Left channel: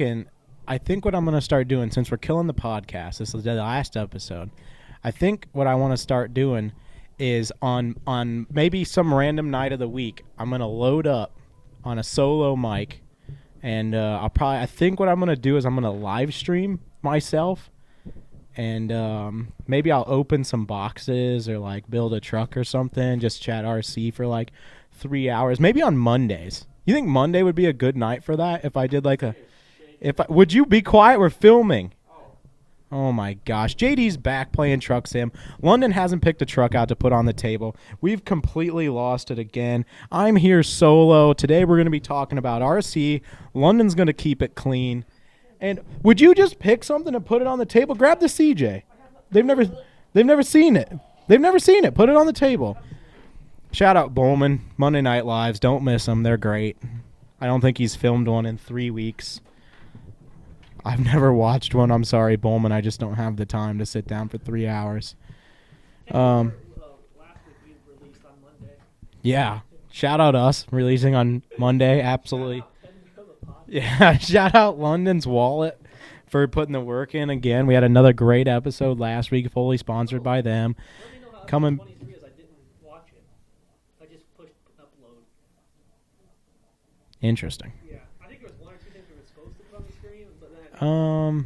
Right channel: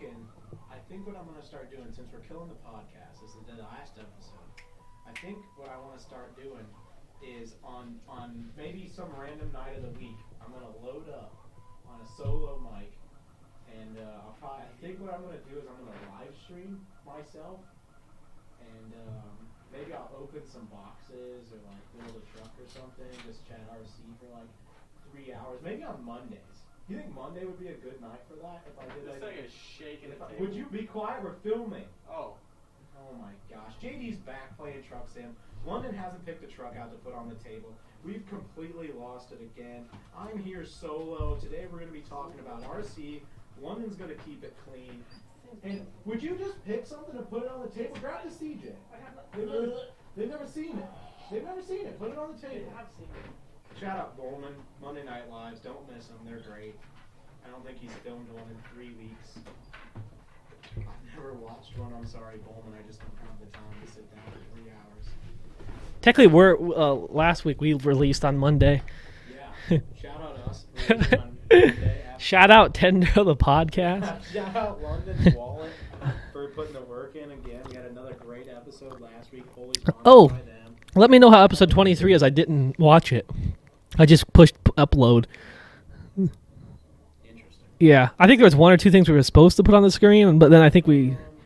thinking, I think what I'm going to start doing, since we're killing the podcast, this is the last episode, I think what I want to start doing is on maybe some random night of the week, I'm going to load up on a solo mic, and I think what I'm going to do is I'm going to live stream myself, and maybe I'll open some boxes or like build a truck or something, just chat RC for like 3 hours, maybe on Mondays. You think Monday would be a good night for that if I did like would you be quiet? We're filming. Oh my gosh. JD's back playing Truck Sim. London hasn't picked a truck out to put on the table. We've completely lost it again. I'm here solo. Today we're going to be talking about RC. London's going to keep it clean. And would you just pick something and put it on the table? Grab the CJ. They've never seen it. They've never seen it. Put it on the table. Shout out Bowman. Monday Night Lives. Don't miss them. They're great. I don't think he's filmed one in 3 weeks. I've never watched one. I'm sorry, Bowman. I just don't have the time to sit down for 3 hours. Technically, last week we released on Monday. Yeah. Shout out us releasing on Monday. Absolutely. Shout out Tender the podcast. Yeah. Shout out London's Wallet for putting the work in again. We had another great episode last week, fully sponsored by them. Let me know how episode 23 is. I didn't watch it. I just pushed upload. Interesting. Yeah, I think there was one or two things we were supposed to put on the screen, but then I think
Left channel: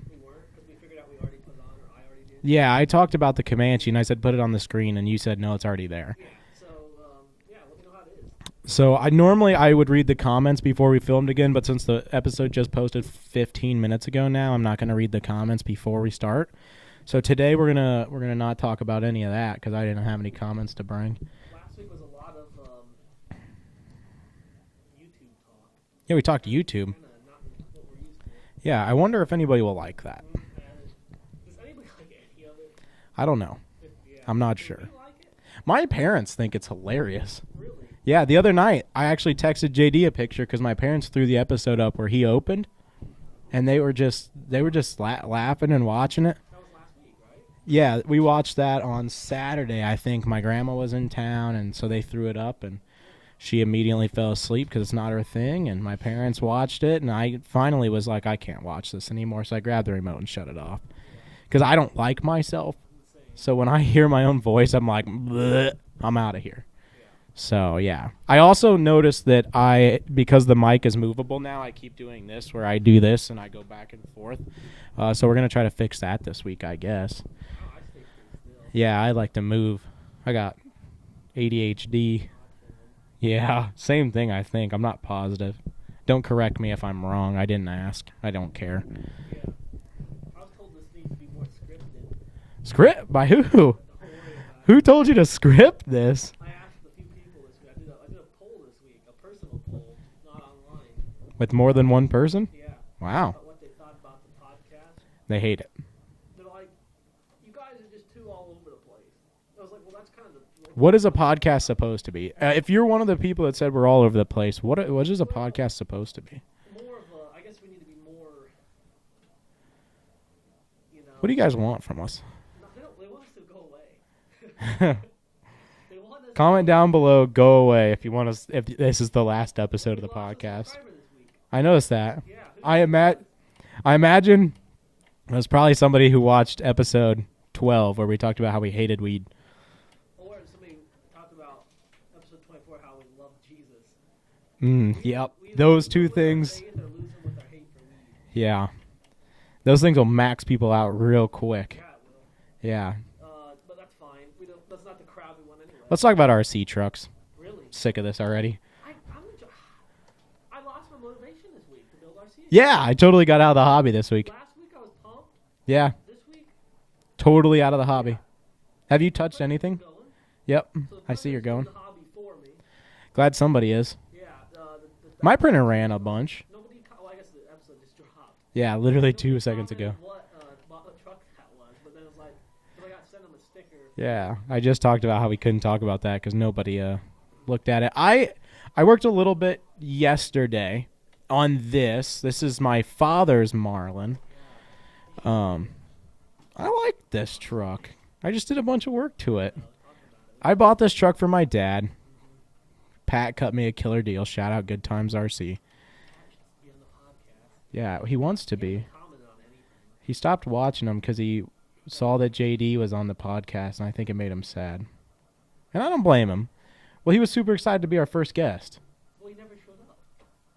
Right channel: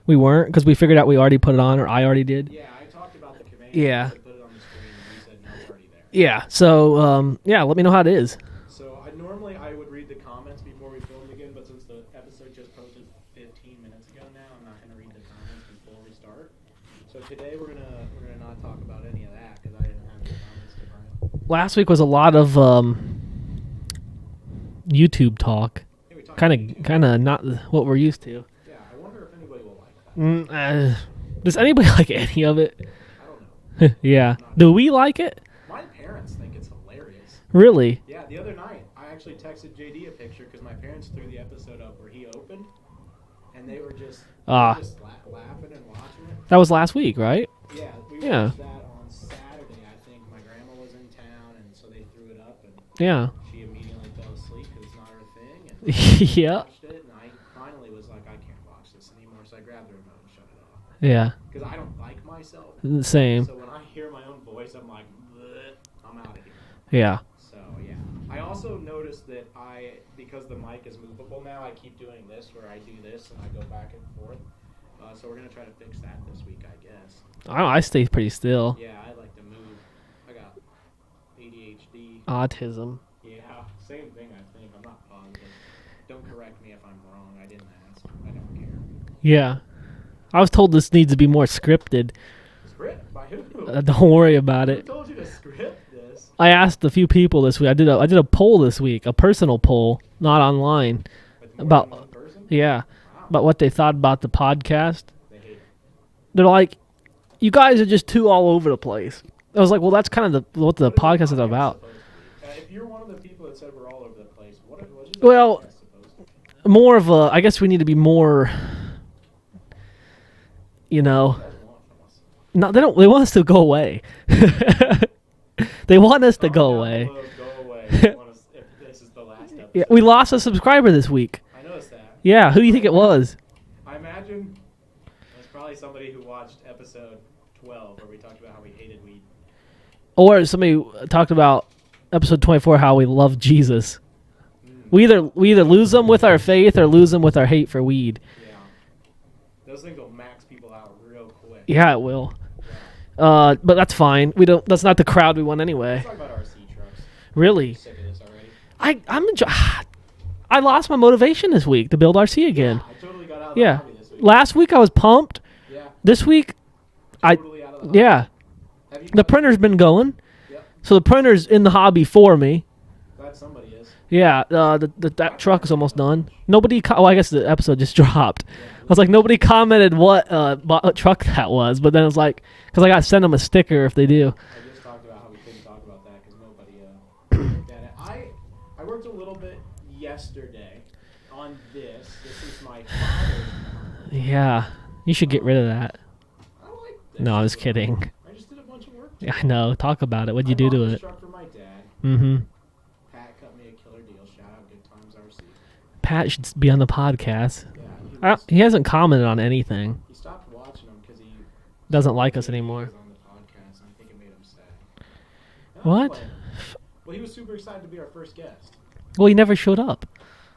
we weren't because we figured out we already put it on, or I already did. Yeah, I talked about the Comanche and I said put it on the screen, and you said no, it's already there. Yeah, so let me know how it is. So I would read the comments before we filmed again, but since the episode just posted 15 minutes ago now, I'm not going to read the comments before we start. So today we're gonna not talk about any of that because I didn't have any comments to bring. Last week was a lot of YouTube talk. Yeah, we talked YouTube. Kind of not what we're used to. Yeah, I wonder if anybody will like that. Does anybody like any of it? I don't know. Yeah. I'm not Do sure. we like it? My parents think it's hilarious. Really? Yeah, the other night I actually texted JD a picture because my parents threw the episode up where he opened, and they were just laughing and watching it. That was last week, right? Yeah, we watched that on Saturday. I think my grandma was in town, and so they threw it up, and she immediately fell asleep because it's not her thing, and my parents watched it, and I finally was like, I can't watch this anymore, so I grabbed the remote and shut it off. Yeah. Because I don't like myself. Same. So when I hear my own voice, I'm like, bleh, I'm out of here. Yeah. So, yeah. I also noticed that because the mic is movable now, I keep doing this where I do this and I go back and forth. So we're going to try to fix that this week, I guess. I stay pretty still. Yeah, I like to move. I got ADHD. Autism. Yeah, same thing, I think. I'm not positive. Don't correct me if I'm wrong. I didn't ask. I don't care. Yeah. I was told this needs to be more scripted. Script? By who? Don't worry about it. Who told you to script this? I asked a few people this week. I did a poll this week, a personal poll, not online. With more than one person? Yeah. Wow. About what they thought about the podcast. They hate it. They're like, you guys are just too all over the place. I was like, well, that's kind of what the podcast is about. Supposed to be? If you're one of the people that said we're all over the place, what is a podcast supposed to be? More of a, I guess we need to be more, What do you guys want from us? No, they don't. They want us to go away. They want us to go away. Comment down below, go away if you want us. If this is the last episode. Yeah, we lost a subscriber this week. I noticed that. Yeah, who do you think it was? I imagine it was probably somebody who watched episode 12 where we talked about how we hated weed. Or somebody talked about episode 24 how we love Jesus. We either lose them with our faith or lose them with our hate for weed. Yeah, those things will max people out real quick. Yeah, it will. Yeah. But that's fine. We don't. That's not the crowd we want anyway. Let's talk about RC trucks. Really? Sick of this already. I lost my motivation this week to build RC again. Yeah, I totally got out of the hobby this week. Last week I was pumped. Yeah. This week, totally out of the hobby. Yeah. Have you? The printer's been going. Yep. So the printer's in the hobby for me. Glad somebody is. Yeah, that truck's almost done. Bunch. Nobody. I guess the episode just dropped. Yeah, I was like, nobody commented what truck that was, but then it was like, because I got to send them a sticker if they do. I just talked about how we couldn't talk about that because nobody looked at it. I worked a little bit yesterday on this. This is my father's Marlin. Yeah, you should get rid of that. I like this. No, I was truck. kidding. I just did a bunch of work to it. No, talk about it. I bought this truck for my dad. Mm-hmm. Pat cut me a killer deal. Shout out Good Times RC. Pat should be on the podcast. Yeah, he wants to. He hasn't commented on anything. He stopped watching them because he doesn't saw like that us JD anymore. was on the podcast, and I think it made him sad. And I don't blame him. Well, he was super excited to be our first guest. Well, he never showed up.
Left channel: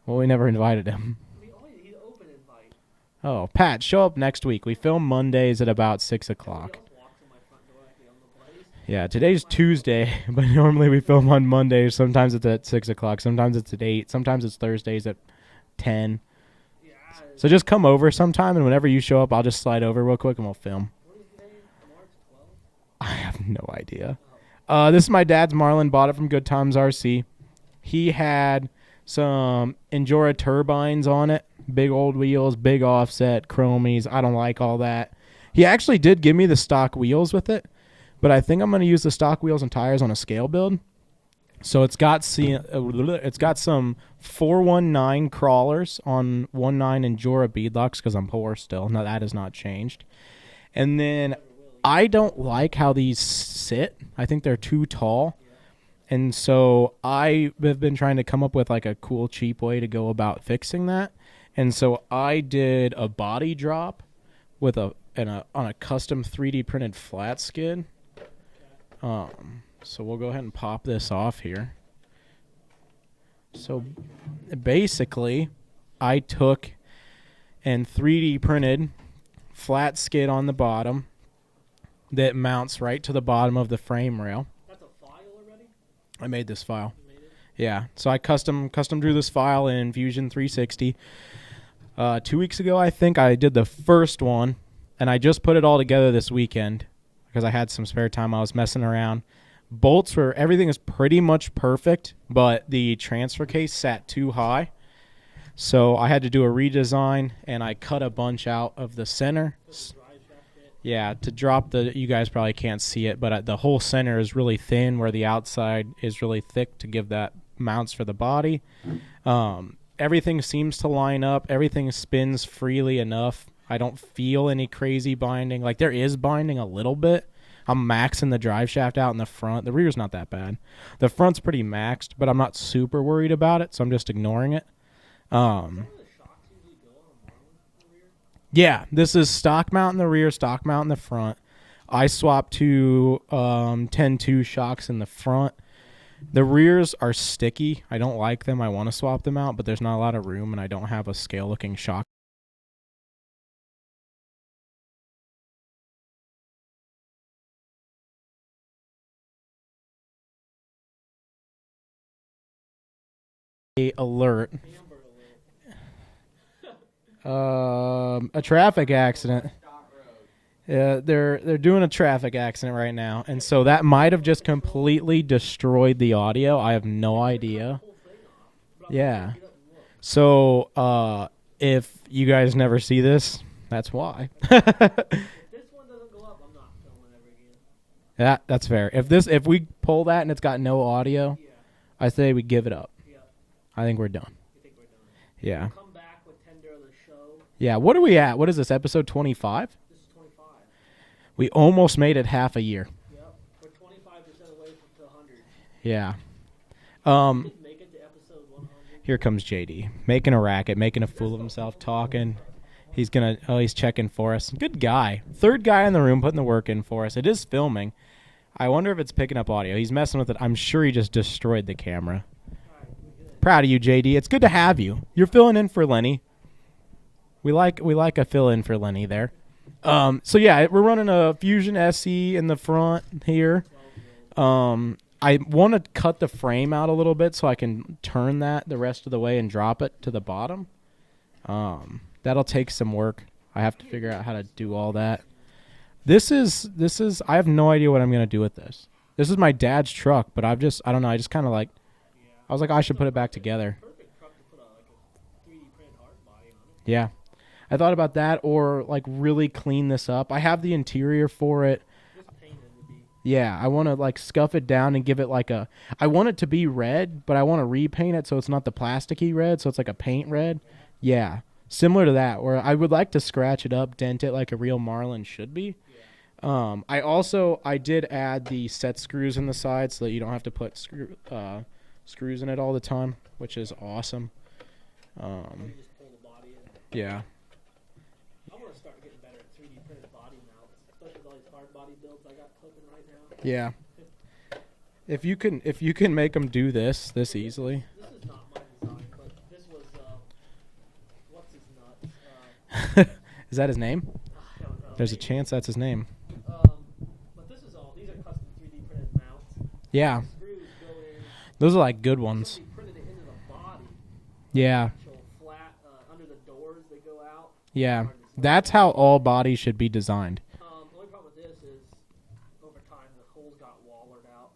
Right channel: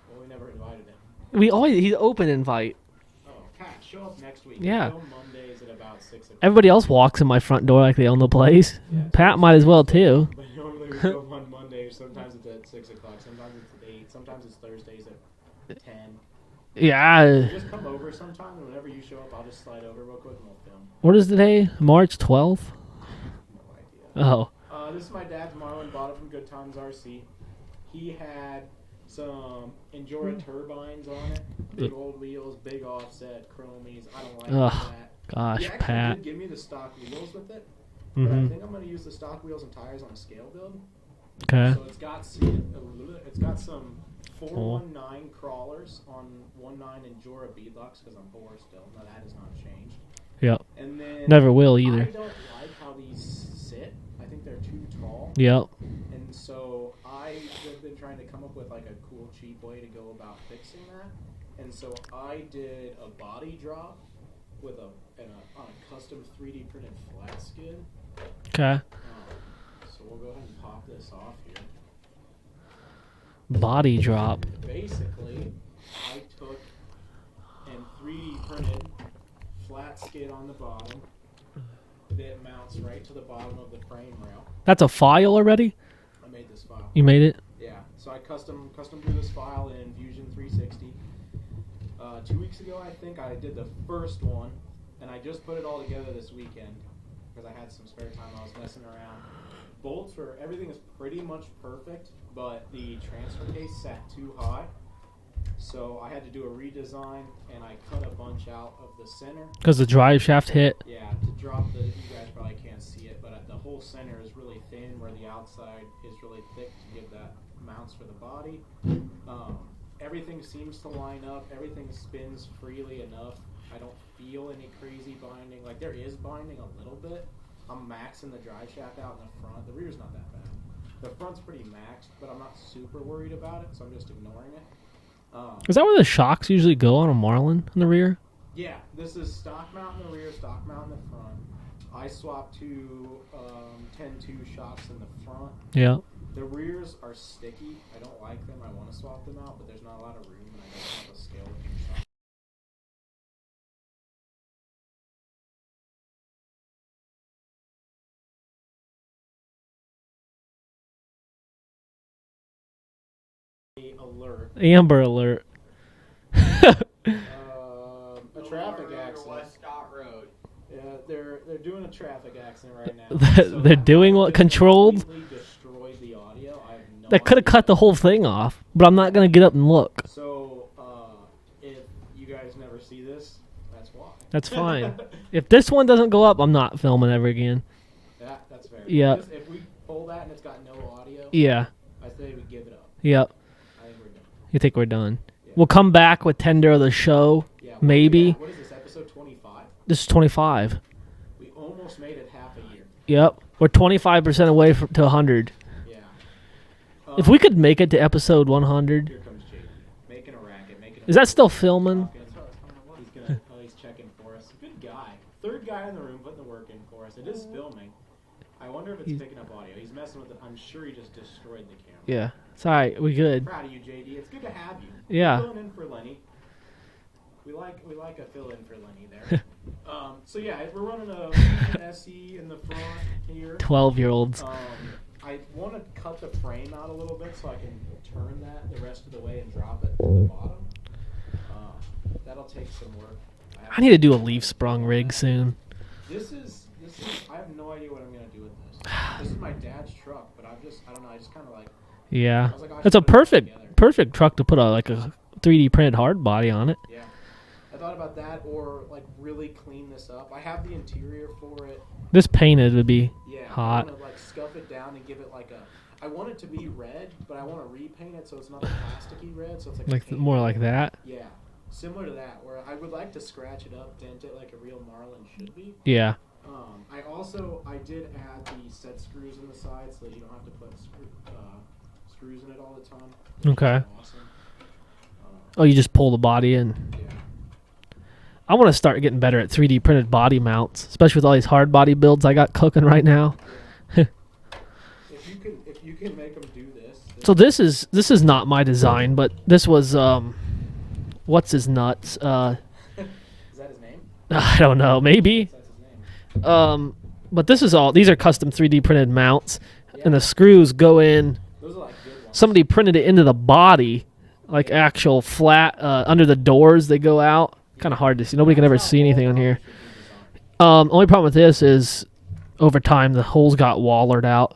Well, we never invited him. He's open invite. Oh, Pat, show up next week. Yeah. We film Mondays at about 6 o'clock. Everybody else walks in my front door like they own the place. Yeah, Pat might as well too. But normally we film on Mondays. Sometimes it's at 6 o'clock. Sometimes it's at 8. Sometimes it's Thursdays at 10. Yeah. So just come over sometime, and whenever you show up, I'll just slide over real quick, and we'll film. What is today? March 12th? I have no idea. Oh. This is my dad's Marlin. Bought it from Good Times RC. He had some Endura turbines on it. Big old wheels, big offset, chromies. I don't like all that. Gosh, He actually Pat. did give me the stock wheels with it, but I think I'm going to use the stock wheels and tires on a scale build. Okay. So it's got some 419 crawlers on 19 Endura beadlocks because I'm poor still. No, that has not changed. Yep. And then Never will either. I don't like how these sit. I think they're too tall. Yep. And so I have been trying to come up with like a cool, cheap way to go about fixing that. And so I did a body drop with on a custom 3D printed flat skid. Okay. So we'll go ahead and pop this off here. Body drop. Basically, I took and 3D printed flat skid on the bottom that mounts right to the bottom of the frame rail. That's a file already? I made this file. You made it? Yeah. So I custom drew this file in Fusion 360. 2 weeks ago, I think I did the first one, and I just put it all together this weekend because I had some spare time. I was messing around. Everything is pretty much perfect, but the transfer case sat too high. So I had to do a redesign, and I cut a bunch out of the center. Because the drive shaft hit? Yeah, to drop you guys probably can't see it, but the whole center is really thin where the outside is really thick to give that mounts for the body. Everything seems to line up. Everything spins freely enough. I don't feel any crazy binding. Like, there is binding a little bit. I'm maxing the drive shaft out in the front. The rear's not that bad. The front's pretty maxed, but I'm not super worried about it, so I'm just ignoring it. Is that where the shocks usually go on a Marlin in the rear? Yeah, this is stock mount in the rear, stock mount in the front. I swapped to 10-2 shocks in the front. Yeah. The rears are sticky. I don't like them. I want to swap them out, but there's not a lot of room, and I don't have a scale-looking shock. Alert. Amber alert. A traffic accident. Yeah, they're doing a traffic accident right now. So They're that might doing have just controlled? completely destroyed the audio. I have no idea. That could have cut the whole thing off, but I'm not going to get up and look. So if you guys never see this, that's why. That's fine. If this one doesn't go up, I'm not filming ever again. That's fair. Yep. If we pull that and it's got no audio, Yeah. I say we give it up. Yep. I think we're done. You think we're done? Yeah. We'll come back with Tender of the Show. Yeah. What are we maybe. at? What is this, episode 25? This is 25. We almost made it half a year. Yep. We're 25% away to 100. Yeah. If we could make it to episode 100. Here comes JD. Making a racket, making a Is that fool still of himself, filming? Talking. He's going to... Oh, he's checking for us. Good guy. Third guy in the room putting the work in for us. It is filming. I wonder if it's picking up audio. He's messing with it. I'm sure he just destroyed the camera. Yeah. It's all right. We good. Proud of you, JD. It's good to have you. Yeah. You're filling in for Lenny. We like a fill in for Lenny there. So yeah, we're running a Fusion SE in the front here. 12-year-olds. I want to cut the frame out a little bit so I can turn that the rest of the way and drop it to the bottom. That'll take some work. I need to do a figure out how leaf do sprung all rig that. soon. This is I have no idea what I'm gonna do with this. This is my dad's truck, but I don't know. I just kind of like. Yeah. I was like, I should It's a put it back together. perfect truck to put a 3D printed hard body on it. Yeah. I thought about that or like really clean this up. I have the interior for it. This painted would be. Yeah, hot. I want to like scuff it down and give it like I want it to be red, but I want to repaint it so it's not the plasticky red, so it's like a paint more red. like that. Yeah. Similar to that, where I would like to scratch it up, dent it like a real Marlin should be. Yeah. I did add the set screws in the side so that you don't have to put screws in it all the time, which is awesome. Oh, you just pull the body in. Yeah. I want to start getting better at 3D printed body mounts, especially with all these hard body builds I got cooking right now. Yeah. If you can make them do this. So this is not my design, but this was what's his nuts? Is that his name? I don't know. There's a Maybe chance that's his name. But this is all. These are custom 3D printed mounts. Yeah. And the screws go in. Those are like good ones. Somebody printed it into the body, like actual flat under the doors. They go out. Yeah. Kind of hard to see. Nobody can ever see anything. That's how all bodies here. should be designed. Only problem with this is, over time, the holes got wallered out.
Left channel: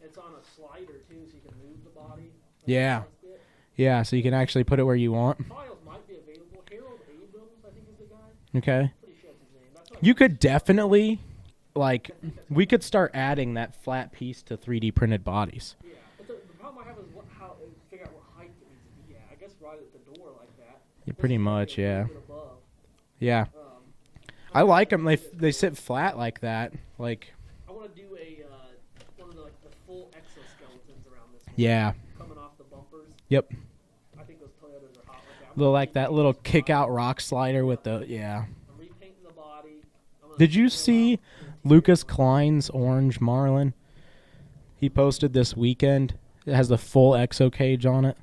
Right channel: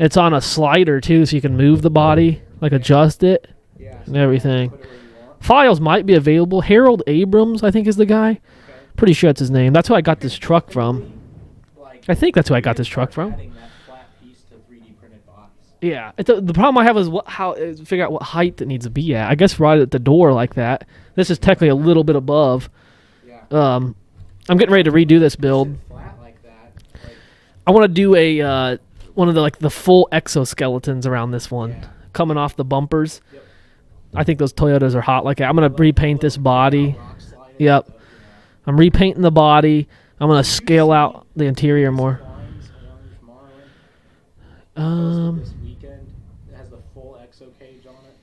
It's on a slider too, so you can move the body, adjust it. Yeah, so you can actually put it where you want. Files might be available. Harold Abrams, I think, is the guy. Okay. Pretty sure that's his name. That's who I got this truck from. Like, I think that's who I got this truck from. We could start adding that flat piece to 3D printed bodies. Yeah. The problem I have is figure out what height it needs to be at. I guess right at the door like that. This is technically a little bit above. Yeah. I'm getting ready to redo this build. They sit flat like that. Like, I want to do a one of the full exoskeletons around this one. Yeah. Coming off the bumpers. Yep. I think those Toyotas are hot like that. I'm going to repaint this body. Kick-out rock slider. Yep. Yeah. I'm repainting the body. I'm going to scale out the interior Lucas more. Klein's orange Marlin. He posted this weekend. It has the full exo cage on it.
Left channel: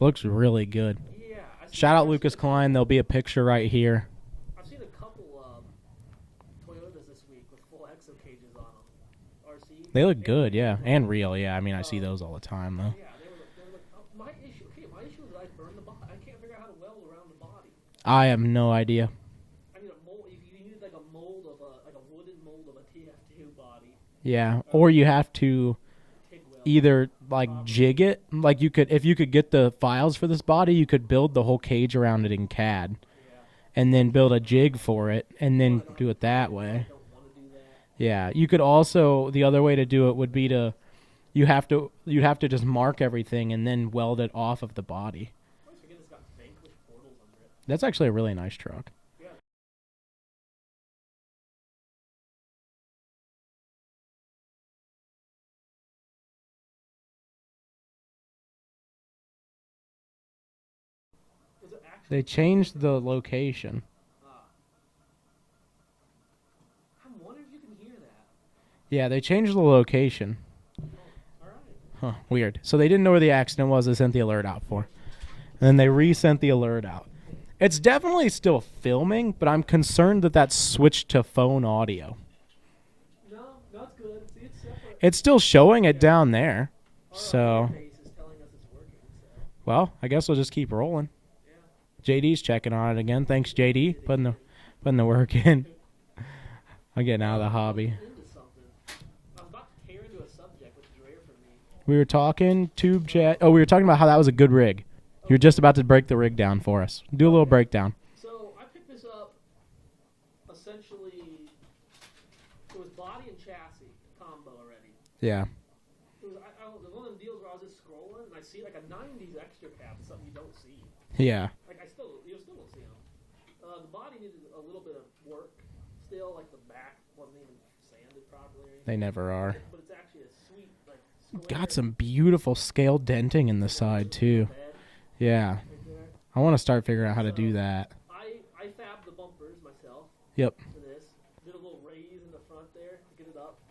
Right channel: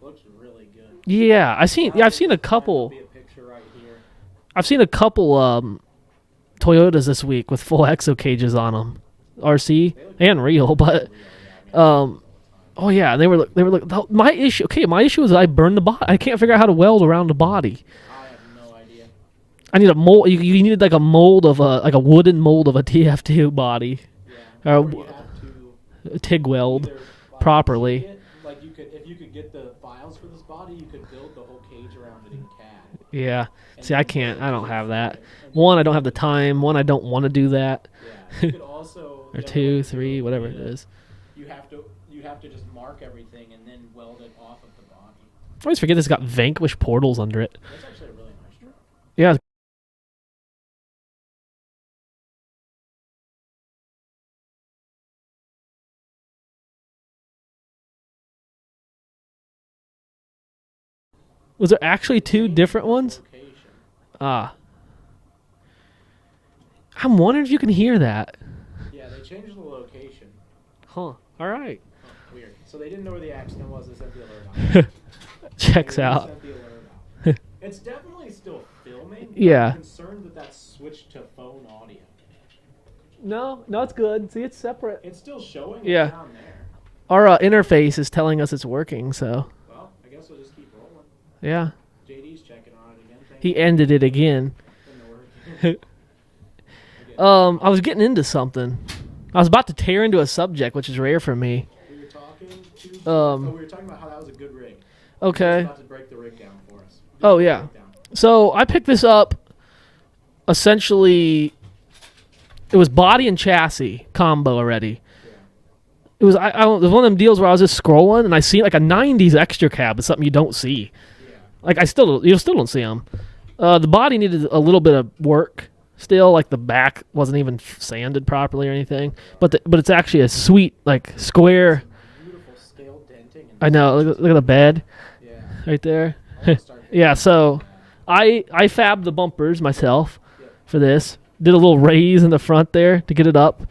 Looks really good. Yeah, I've seen a couple. There'll be a picture right here. I've seen a couple Toyotas this week with full exo cages on them. RC they look and good, real, yeah. but and real, yeah. I mean, I see those all the time. Oh yeah, they were my issue. Okay, my issue is I burned the body. I can't figure out how to weld around the body. I have no idea. I need a mold. You need like a mold of a wooden mold of a TF2 body. Yeah, or you have to TIG weld either like properly. jig it. Like if you could get the files for this body, you could build the whole cage around it in CAD. Yeah. And See, then I can't, build a jig for it. And one, then I don't have do the time. One, I don't want to do that. Yeah, you could also the other way to do it would be to you'd have to just mark everything and then weld it off of the body. I always forget this got Vanquish portals under it. That's actually a really nice truck. Yeah. Was there actually two different ones? Location. I'm wondering if you can hear that. Yeah, they changed the location. Huh. All right. Huh. Weird. So they didn't know where the accident was. They sent the alert out. And they resent the alert out. It's definitely still filming, but I'm concerned that that's switched to phone audio. No, it's good. See, it's separate. It's still showing it down there. Our interface is telling us it's working, so. Well, I guess we'll just keep rolling. Yeah. JD's checking on it again. Thanks, He JD. ended it again. Putting the work in. I was getting into something. I was about to tear into a subject, which is rare for me. We were talking to we were talking about how that was a good rig. Okay. You're just about to break the rig down for us. Do a little breakdown. So I picked this up. Essentially, it was body and chassis combo already. Yeah. It was it was one of them deals where I was just scrolling and I see like a '90s extra cab. It's something you don't see. Yeah. Like you still don't see them. The body needed a little bit of work. Still, like the back wasn't even sanded properly or anything. They never are. But it's actually a sweet like square. Got some beautiful scale denting in the I know. Look at the bed. Yeah. Right there. I want to start figuring out how to do that. I fabbed the bumpers myself. Yep. For this, did a little raise in the front there to get it up.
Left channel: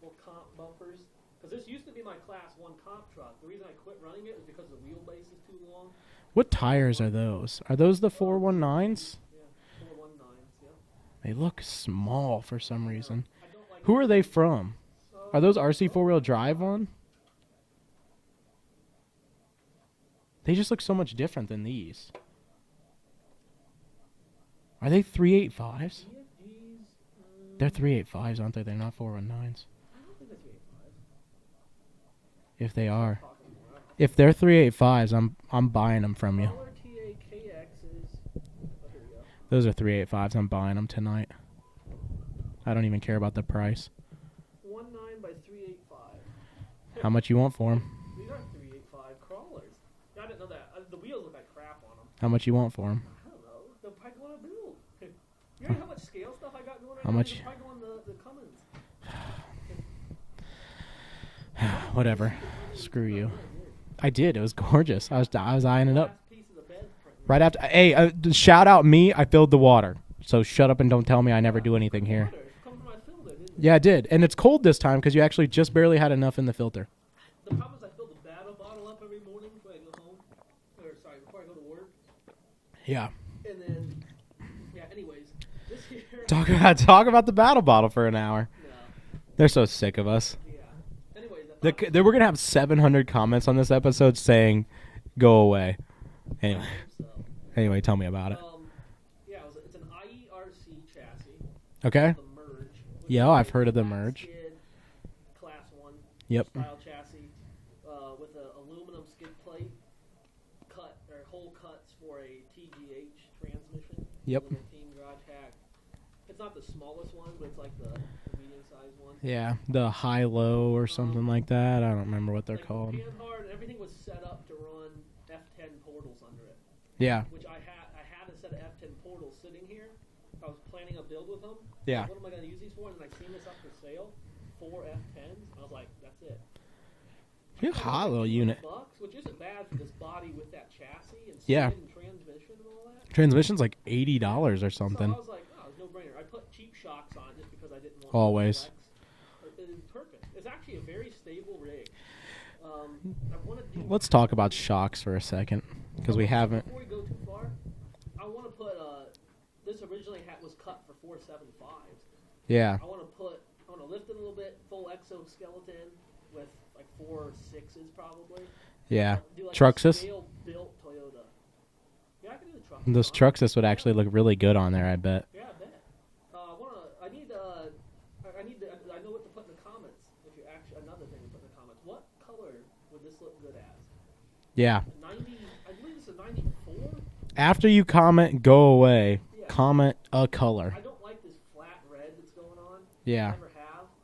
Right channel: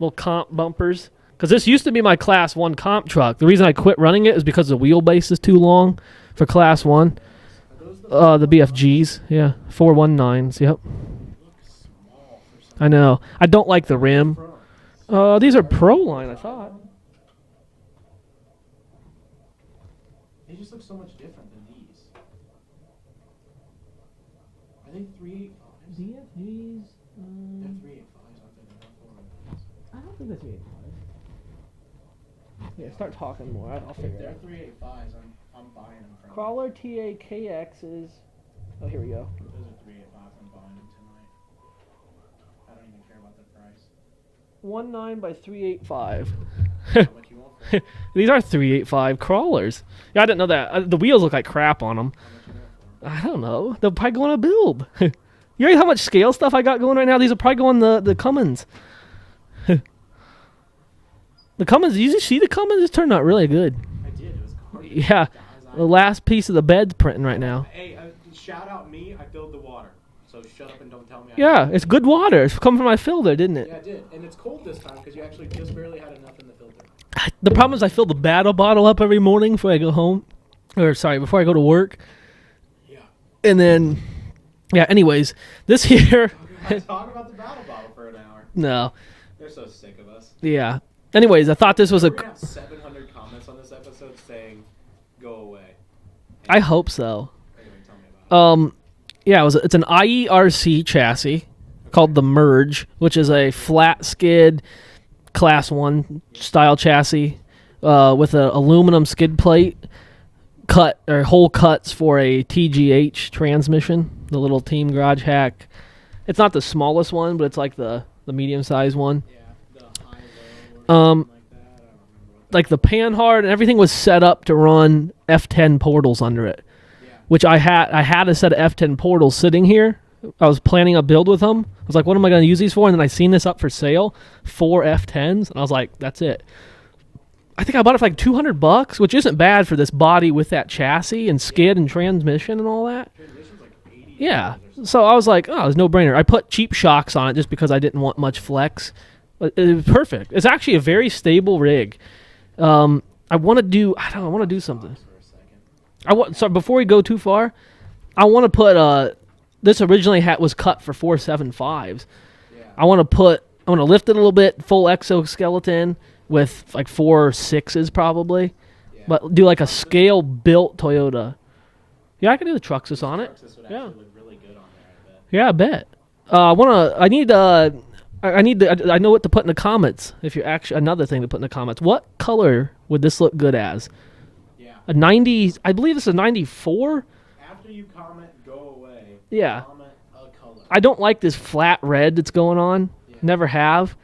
Little comp bumpers. Because this used to be my Class 1 comp truck. The reason I quit running it is because the wheelbase is too long for Class 1. Are those the the BFGs? Yeah, 419s. Yep. They look small for some reason. I know. I don't like the Where rim. Are they from? These are Pro Line drive on. They just look so much different than these. Are they 385s? BFGs. They're 385s, aren't they? They're not 419s. I don't think they're 385s. If they are. Talking more. If they're 385s, I'm buying them from you. Crawler TAKXs. Oh, here we go. Those are 385s. I'm buying them tonight. I don't even care about the price. 19 by 385. How much you want for them? These are 385 crawlers. Yeah, I didn't know that. The wheels look like crap on them. How much you want for them? I don't know. They'll probably go on a build. You know how much scale stuff I got going right now? These will probably go on the Cummins. The Cummins, you see the Cummins just turned out really good. I did. It was gorgeous. Yeah. I was The eyeing it up. last piece of the bed's printing right now. after. Hey, shout out me. I filled the water. So shut up and don't tell me I Yeah, never do it's good anything here. water. It's coming from my filter, didn't it? Yeah, I did. And it's cold this time because you actually just barely had enough in the filter. The problem is I fill the battle bottle up every morning before I go home. Before I go to work. Yeah. And then, yeah, anyways, this here. Talk about the battle bottle for an hour. No. They're so sick of us. Yeah. Anyways, I thought this was We're going to have 700 comments on this episode saying, go away. Anyway. I hope so. Anyway, tell me about it. Yeah, it's an IERC chassis called the Merge, which is Yeah, a I've heard of the flat Merge. skid Class 1 Yep. style chassis with an aluminum skid plate, hole cuts for a TGH transmission, the Yep. little Team Garage Hack. It's not the smallest one, but it's like the medium-sized one. Yeah, the high-low or something like that. I don't remember what they're Like the called. Panhard and everything was set up to run F10 portals under it. Yeah. Which I had a set of F10 portals sitting here. I was planning a build with them. I was like, what am I going to use these for? And then I seen this up for sale, 4 F10s, and I was like, that's it. I think I bought it for like $200, which isn't bad for this body with that chassis and skid and transmission and all that. Transmission's like $80 or something. So I was like, oh, it's no brainer. I put cheap shocks on it just because I didn't want much Always. flex. But it was perfect. It's actually a very stable rig. I want to do. Let's I talk want to about do shocks for a second. So before we go too far, I want to put this originally was cut for 475s. Yeah. I want to lift it a little bit, full exoskeleton with like 4 6s probably. Yeah. But do like a Truxus? scale built Toyota. Yeah, I can do the Truxus Those on it. Truxus would actually look really good on there, I bet. Yeah, I bet. I know what to put in the comments. If you're actually another thing to put in the comments. What color would this look good as? Yeah. A 90. I believe this is a 94. After you comment, go away. Yeah. Comment a color. I don't like this flat red that's going on. Yeah. Never have.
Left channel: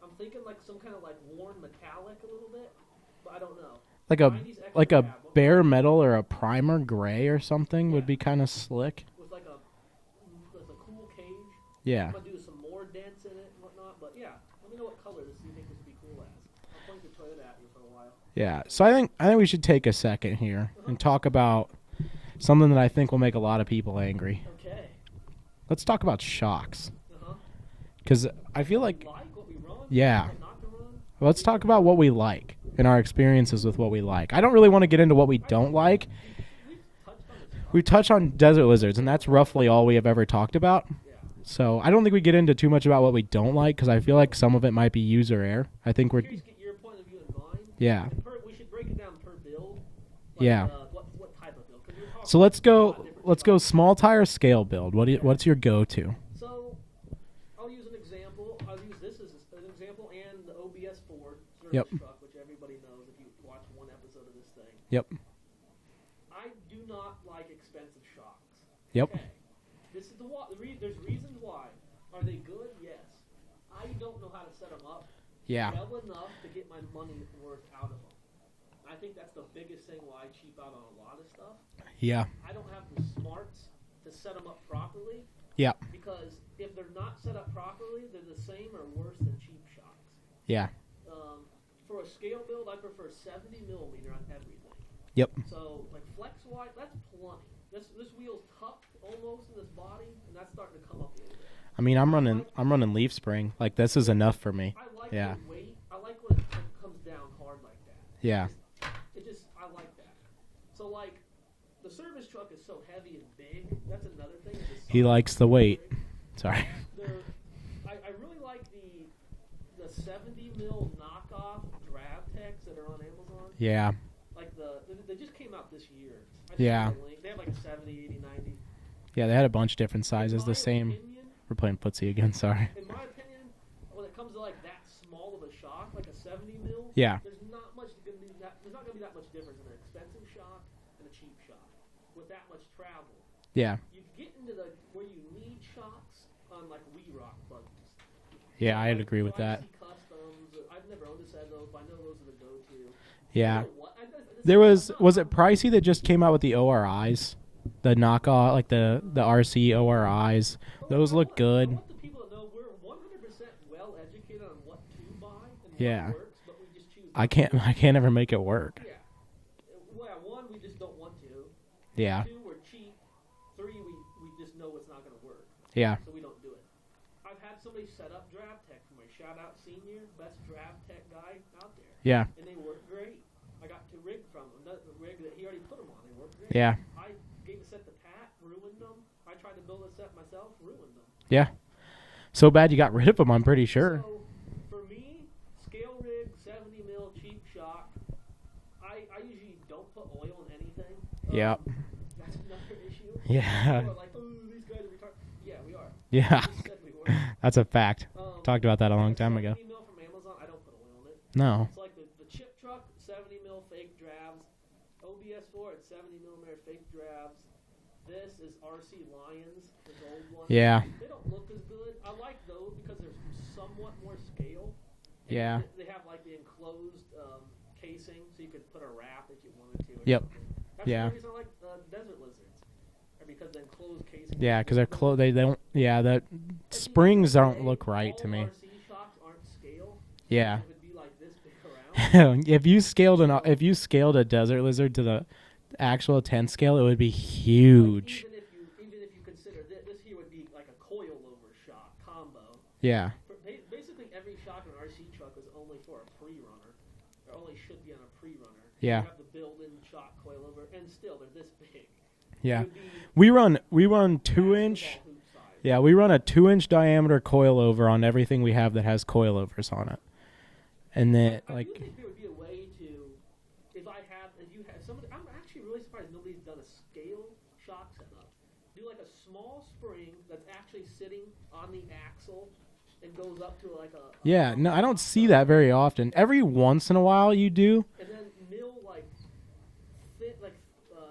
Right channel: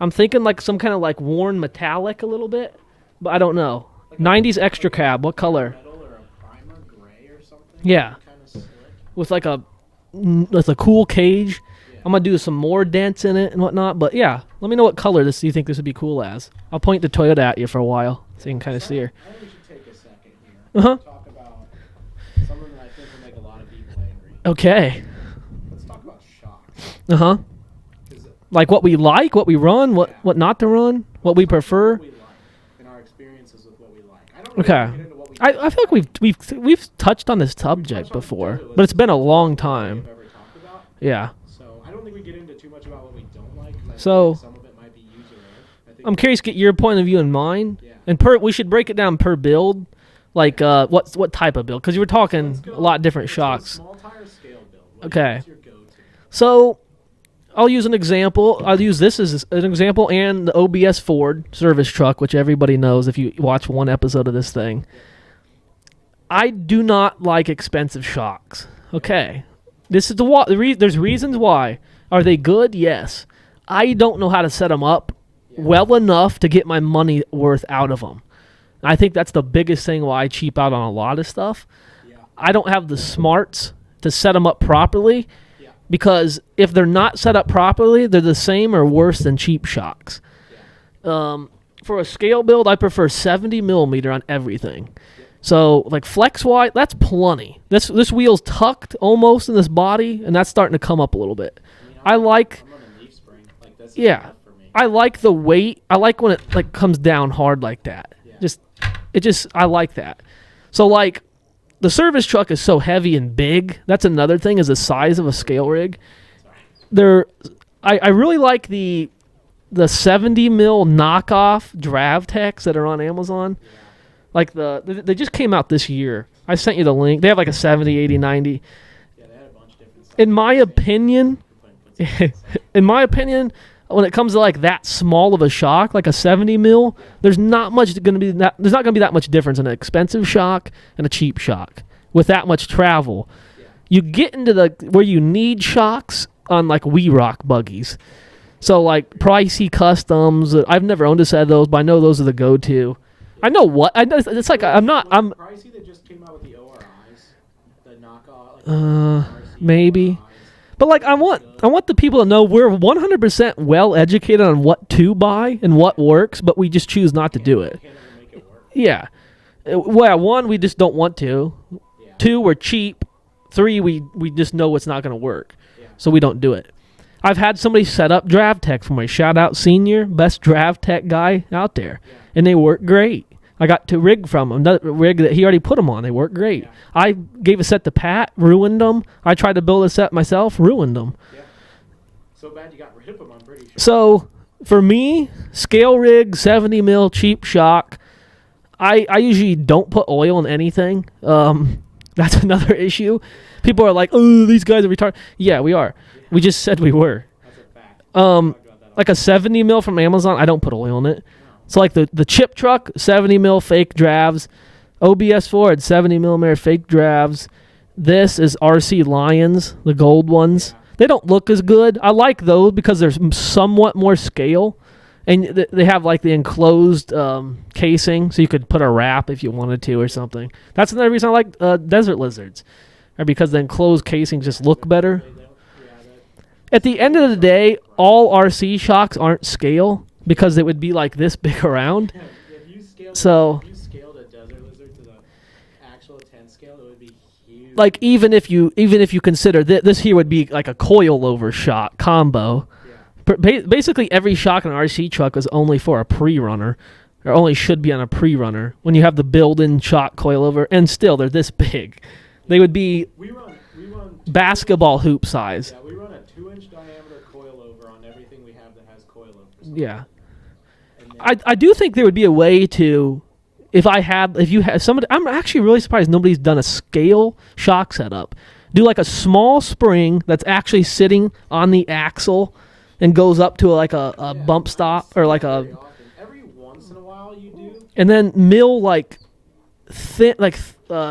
I'm thinking like some kind of like worn metallic a little bit, but I don't know. Like 90s extra like cab. What bare color? metal or a primer gray or something. Yeah. Would be kind of slick. With a cool cage. Yeah. I'm gonna do some more dents in it and whatnot. But yeah, let me know what color you think this would be cool as. I'll point the Toyota at you for a while. So you Yeah. can kind So of I see think, I think we should take a second here Uh-huh. and talk about something that I think will make a lot of people angry. Okay. Let's talk about shocks. Because like what we like, what we run, Yeah. what not to run, what Let's we talk about prefer. what we like and our experiences with what we like. I don't really Okay. want to get into what we don't I feel like. like we've touched on this We subject touched on before, desert lizards, but it's been and a that's long roughly all we time. have ever talked about. Yeah. So I don't think we get into too much about what we don't like because I feel So- like some of it might be user error. I think I'm curious to get your point of view and mine. Yeah. And we should break it down per build. Like Yeah. what type of build? Because you were talking So let's go. a lot of different let's shocks. go small tire scale build. Okay. What's your go-to? So I'll use an example. I'll use this as an example and the OBS Ford service truck, which everybody knows if you watch one episode of this thing. Yep. I do not like expensive shocks. Yep. Okay. This is there's reasons why. Are they good? Yes. I don't know how to set them up Yeah. well enough to get my money worth out of them. I think that's the biggest thing why I cheap out on a lot of stuff. Yeah. I don't have the smarts to set them up properly. Yeah. Because if they're not set up properly, they're the same or worse than cheap shocks. Yeah. For a scale build, I prefer 70 millimeter on everything. Yep. So like flex wide, that's plenty. This wheel's tucked almost in this body, and that's starting to come up a little bit. I mean, I'm running leaf spring. Like this is enough for me. I like Yeah. the weight. I like when it like comes down hard like that. Yeah. I like that. So like the service truck is so heavy and big. That's another thing is the size of a likes the scale weight. rig. Sorry. I really like the 70 mil knockoff Dravtex that are on Amazon. Yeah. Like they just came out this year. I sent you Yeah. the link. They have like a 70, 80, 90. Yeah, they had a bunch of different sizes. In my the same- opinion, we're playing footsie again, sorry. in my opinion, when it comes to like that small of a shock, like a 70 mil, Yeah. there's not going to be that much difference in an expensive shock and a cheap shock with that much travel. Yeah. You get into where you need shocks on like We Rock buggies. Yeah, So I like agree with that. pricey customs. I've never owned a set of those, but I know those are the go-to. Yeah. I know what I know. It's like I'm not. Was I'm it pricey that just came out with the ORIs, the knockoff, like the RC maybe. ORIs? But like Those look good. I want the people to know we're 100% well educated on what to buy and what Yeah. works, but we just choose not to do I it. can't ever make it work. Yeah. Well, 1, we just don't want to. Yeah. 2, we're cheap. 3, we just know it's not going to work. Yeah. So we don't do it. I've had somebody set up Drav Tech for me. Shout out Senior, best Drav Tech guy out there. Yeah. And they work great. I got to rig from him. Another rig that he already put them on. They work great. Yeah. I gave a set to Pat, ruined them. I tried to build a set myself, ruined them. Yeah. So bad you got rid of them, I'm pretty sure. So for me, scale rig, 70 mil, cheap shock. I usually don't put oil in anything. That's another issue. Yeah. People are like, "Oh, these guys are retarded." Yeah, we are. Yeah. We just said we were. That's a fact. Talked about that. Like a 70 mil from Amazon, I don't put oil in it. No. So like the chip truck, 70 mil fake dravs. OBS Ford, 70 millimeter fake dravs. This is RC Lions, the gold ones. Yeah. They don't look as good. I like those because there's somewhat more scale. And Yeah. they have like the enclosed casing, so you could put a wrap if you wanted to or Yep. something. That's Yeah. another reason I like desert lizards, or because the enclosed casing just 'cause look they're better. cool. They don't. Yeah. That. At the end of the springs day, don't look right all to me. RC shocks aren't scale because Yeah. it would be like this big around. if you scaled a desert lizard to the actual 10 scale, it would be huge. Like even if you consider this here would be like a coil over shock combo. Yeah. Basically, every shock in an RC truck is only for a pre-runner, or only should be on a pre-runner when Yeah. you have the built-in shock coilover, and still they're this big. Yeah. They would be We run 2 basketball hoop size. Yeah, we run a 2-inch diameter coilover on everything we have that has coilovers on. Yeah. It. And then I do think there would be a way to, if you have somebody, I'm actually really surprised nobody's done a scale shock setup. Do like a small spring that's actually sitting on the axle and goes up to like a yeah, bump no, I stop don't see or like that a very often. Every once in a while you do. and then mill like thin, like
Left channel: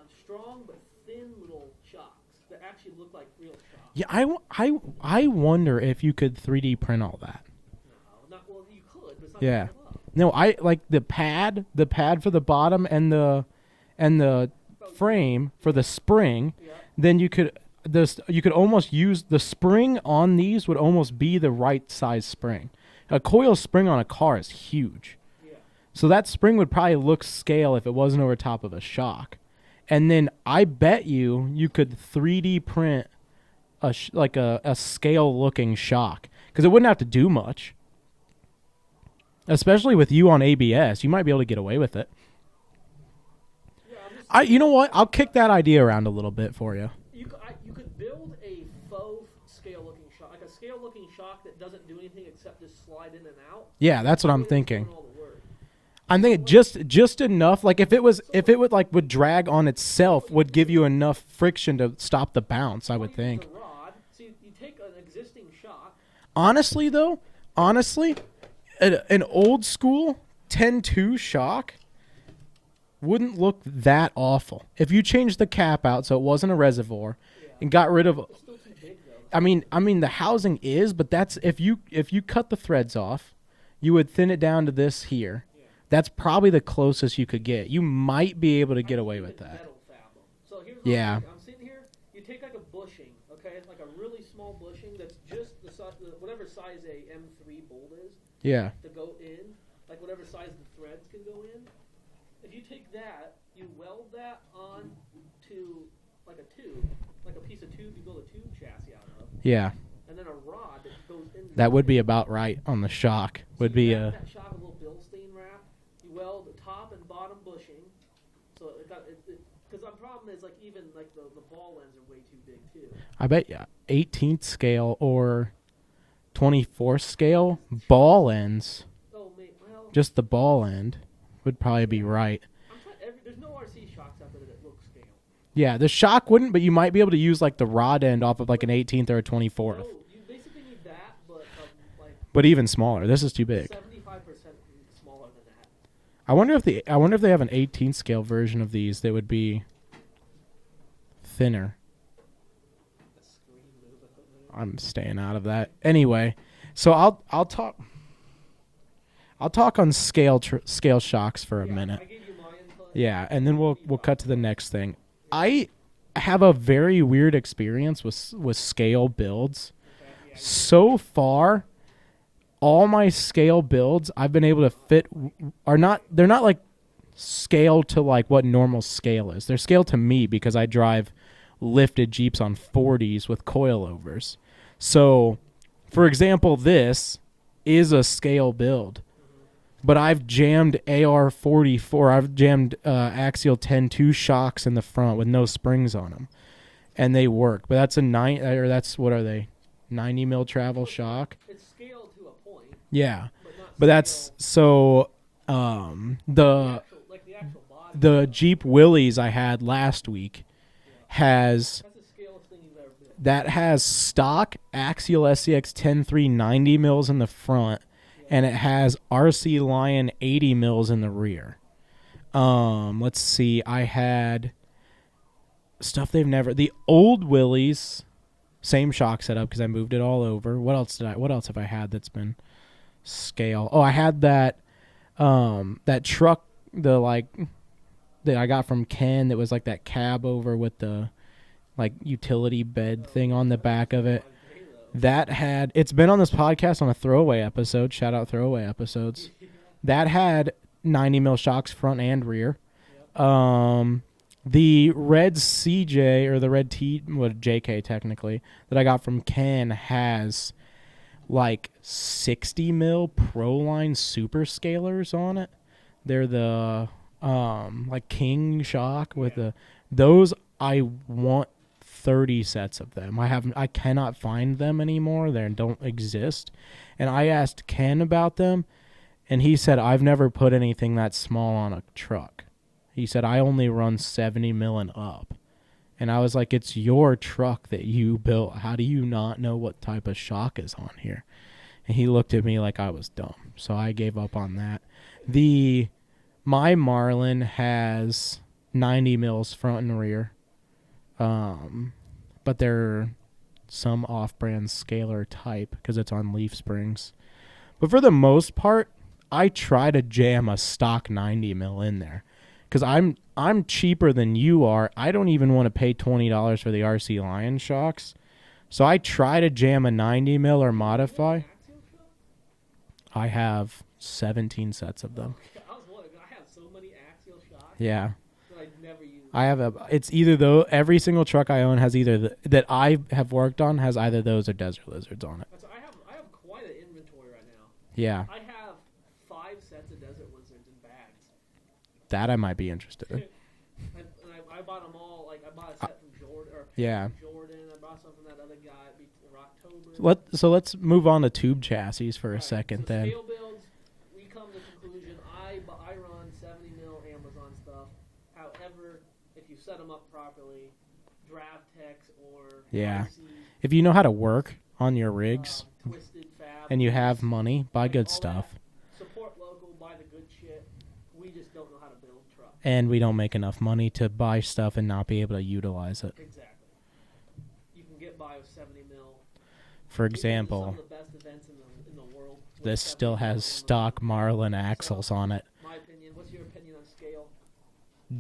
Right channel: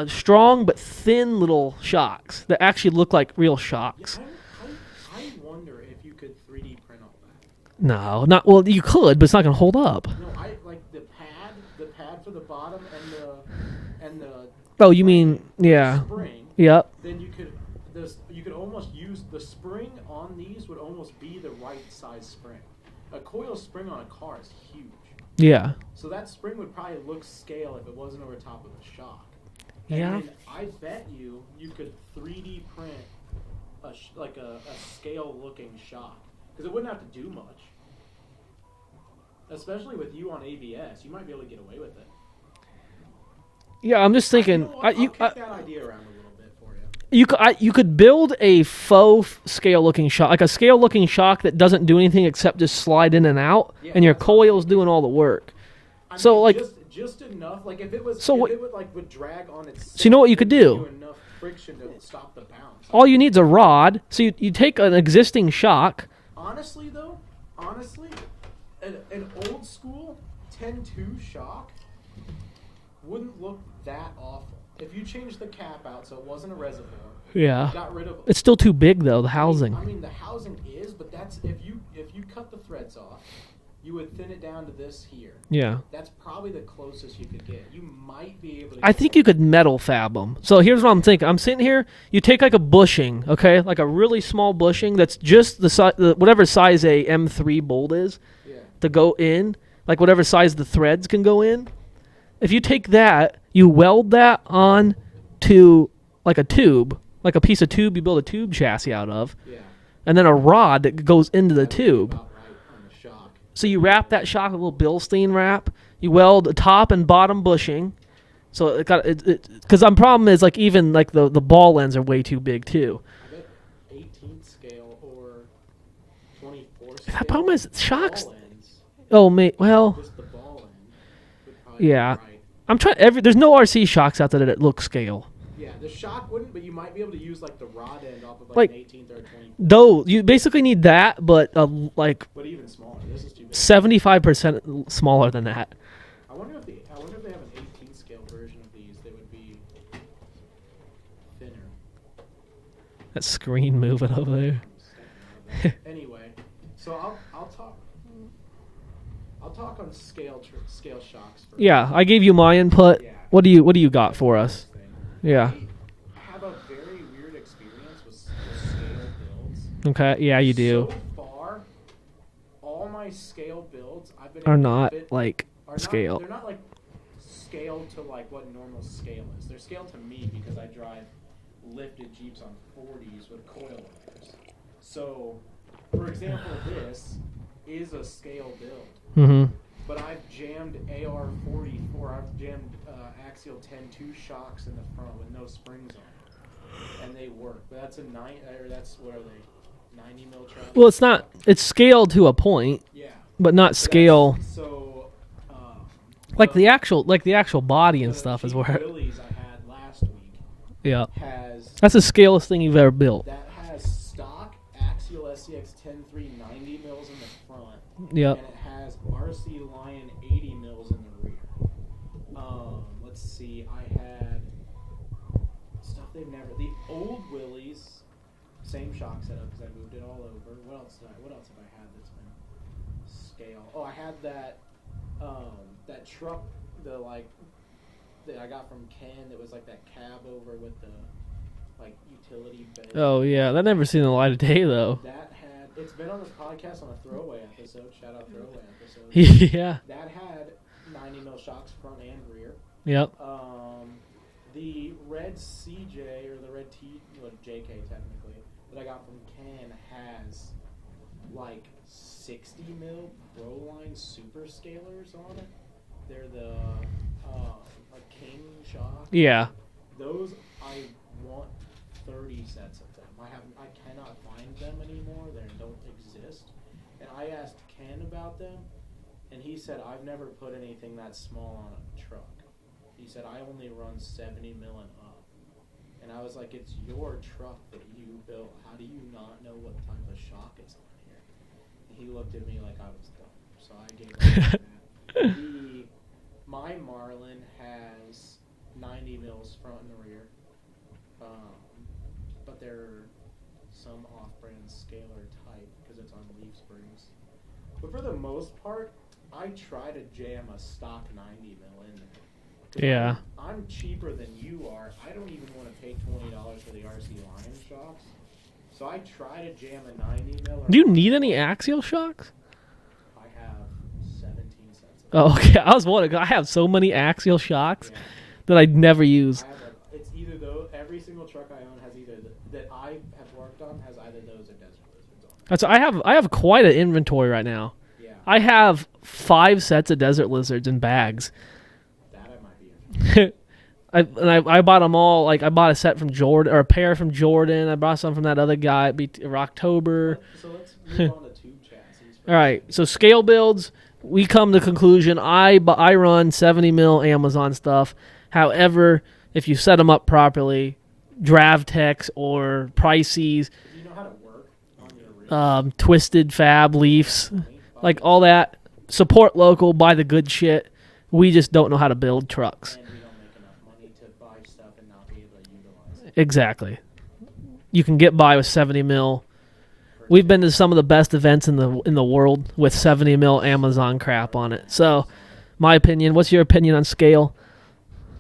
strong but thin little shocks that actually look like real shocks. Yeah, I wonder if you could 3D print all that. No, not well. You could, but it's not gonna Yeah. hold up. No, I like the pad for the bottom and the Oh, you frame mean for the yeah? spring. Yep. Then you could almost use the spring on these would almost be the right size spring. A coil spring on a car is huge. Yeah. So that spring would probably look scale if it wasn't over top of a shock. And Yeah. then I bet you could 3D print a scale looking shock because it wouldn't have to do much. Especially with you on ABS, you might be able to get away with it. Yeah, I'm just thinking. You know what? I'll you, kick that idea around a little bit for you. You could build a faux scale looking shock, like a scale looking shock that doesn't do anything except just slide in and out. Yeah, and your that's what I'm coil's thinking. doing all the work. I So, mean, like- just enough. Like if it was, So what- it would drag on itself. you know what you would could give do? you enough friction to stop the bounce. All you need is a rod. So you take an existing shock. Honestly, an old school 10-2 shock wouldn't look that awful if you changed the cap out so it wasn't a reservoir. Yeah. And got rid of. It's still too big though. The housing. I mean the housing is, but that's if you cut the threads off, you would thin it down to this here. yeah. That's probably the closest you could get. You might be able to get I think away you with could that. metal fab them. So here's what I'm Yeah. thinking. I'm sitting here. You take like a bushing, okay, like a really small bushing that's just the whatever size a M3 bolt is Yeah. to go in, like whatever size the threads can go in. If you take that, you weld that on to like a tube, like a piece of tube you build a tube chassis out of, Yeah. and then a rod that goes into the That tube. would be about right on the shock. So Would you be wrap that shock with a little Bilstein wrap. You weld the top and bottom bushing. So it got it because the problem is like even like the ball ends are way too big too. I bet 18th scale or 24th scale problem is ball shocks- ends. Oh mate, well Just the ball end would probably Yeah. be right. I'm trying. There's no RC shocks out there that look scale. Yeah, the shock wouldn't, but you might be able to use like the rod end off of like Like, an 18th or a 24th. Though you basically need that, but like But even smaller. This is too big. 75% smaller than that. I wonder if they have an 18th scale version of these that would be thinner. That screen moving over there. I'm staying out of that. Anyway, so I'll talk on scale shocks for a Yeah, minute. I gave you my input. Yeah. What and do then you we'll got cut to for the us? Next thing. Yeah. I have a very weird experience with scale builds. Okay. Yeah, you do. So far, all my scale builds I've been Are able to not fit like are not scale. they're not like scaled to like what normal scale is. They're scaled to me because I drive lifted Jeeps on 40s with coilovers. So, for example, this is a scale build. Mm-hmm. But I've jammed AR-44. I've jammed Axial 10-2 shocks in the front with no springs on them, and they work. But that's that's what are they? 90 mil travel. Well, it's shock? not. It's scaled to a point. Yeah, but not scale. So, like the actual body. And stuff Jeep Willys I had last week. Yeah, that's the scalest thing you've ever built. That has stock Axial SCX 10-3 90 mils in the front. Yeah, and it has RC Lion 80 mils in the rear. Let's see. I had stuff the old Willys, same shock setup because I moved it all over. What else have I had that's been scale? Oh, I had that truck, that I got from Ken that was like that cab over with the like utility bed. Oh thing yeah, on the that never back seen of the it. light of day though. It's been on this podcast on a throwaway episode. Shout out throwaway episodes. Yeah. That had 90 mil shocks front and rear. Yep. The red CJ or the red JK technically that I got from Ken has like 60 mil Proline super scalers on it. They're the like King shock. Yeah. Those I want 30 sets of them. I cannot find them anymore. They don't exist. And I asked Ken about them, and he said, I've never put anything that small on a truck. He said, I only run 70 mil and up. And I was like, it's your truck that you built. How do you not know what type of shock is on here? And he looked at me like I was dumb. So I gave up on that. My Marlin has 90 mils front and rear. But they're some off-brand scalar type because it's on leaf springs. But for the most part, I try to jam a stock 90 mil in there because I'm cheaper than you are. I don't even want to pay $20 for the RC Lion shocks, so I try to jam a 90 mil or. Do you need any axial shocks? I have 17 sets of them. Oh, okay. I was wondering. I have so many axial shocks. Yeah. That I never use. It's either every single truck I own has either that I have worked on has either those or Desert Lizards on it. So I have quite an inventory right now. Yeah. I have 5 sets of Desert Lizards in bags. That I might be interested in. I bought them all. Like I bought a set from Jordan or a pair from Jordan. I bought some from that other guy at Rocktober. So let's move on to tube chassis for all a right, second. So scale builds, we come to conclusion. I run 70 mil Amazon stuff. However, if you set them up properly, Dravtex or Prices, if you know how to work on your rigs, Twisted Fab and Leafs, you have money, buy like good all stuff. that, support local, buy the good shit. We just don't know how to build trucks. And we don't make enough money to buy stuff and not be able to utilize it. Exactly. You can get by with 70 mil. We've been to some of the best events in the world with 70 mil Amazon crap on it. So, my opinion. What's your opinion on scale?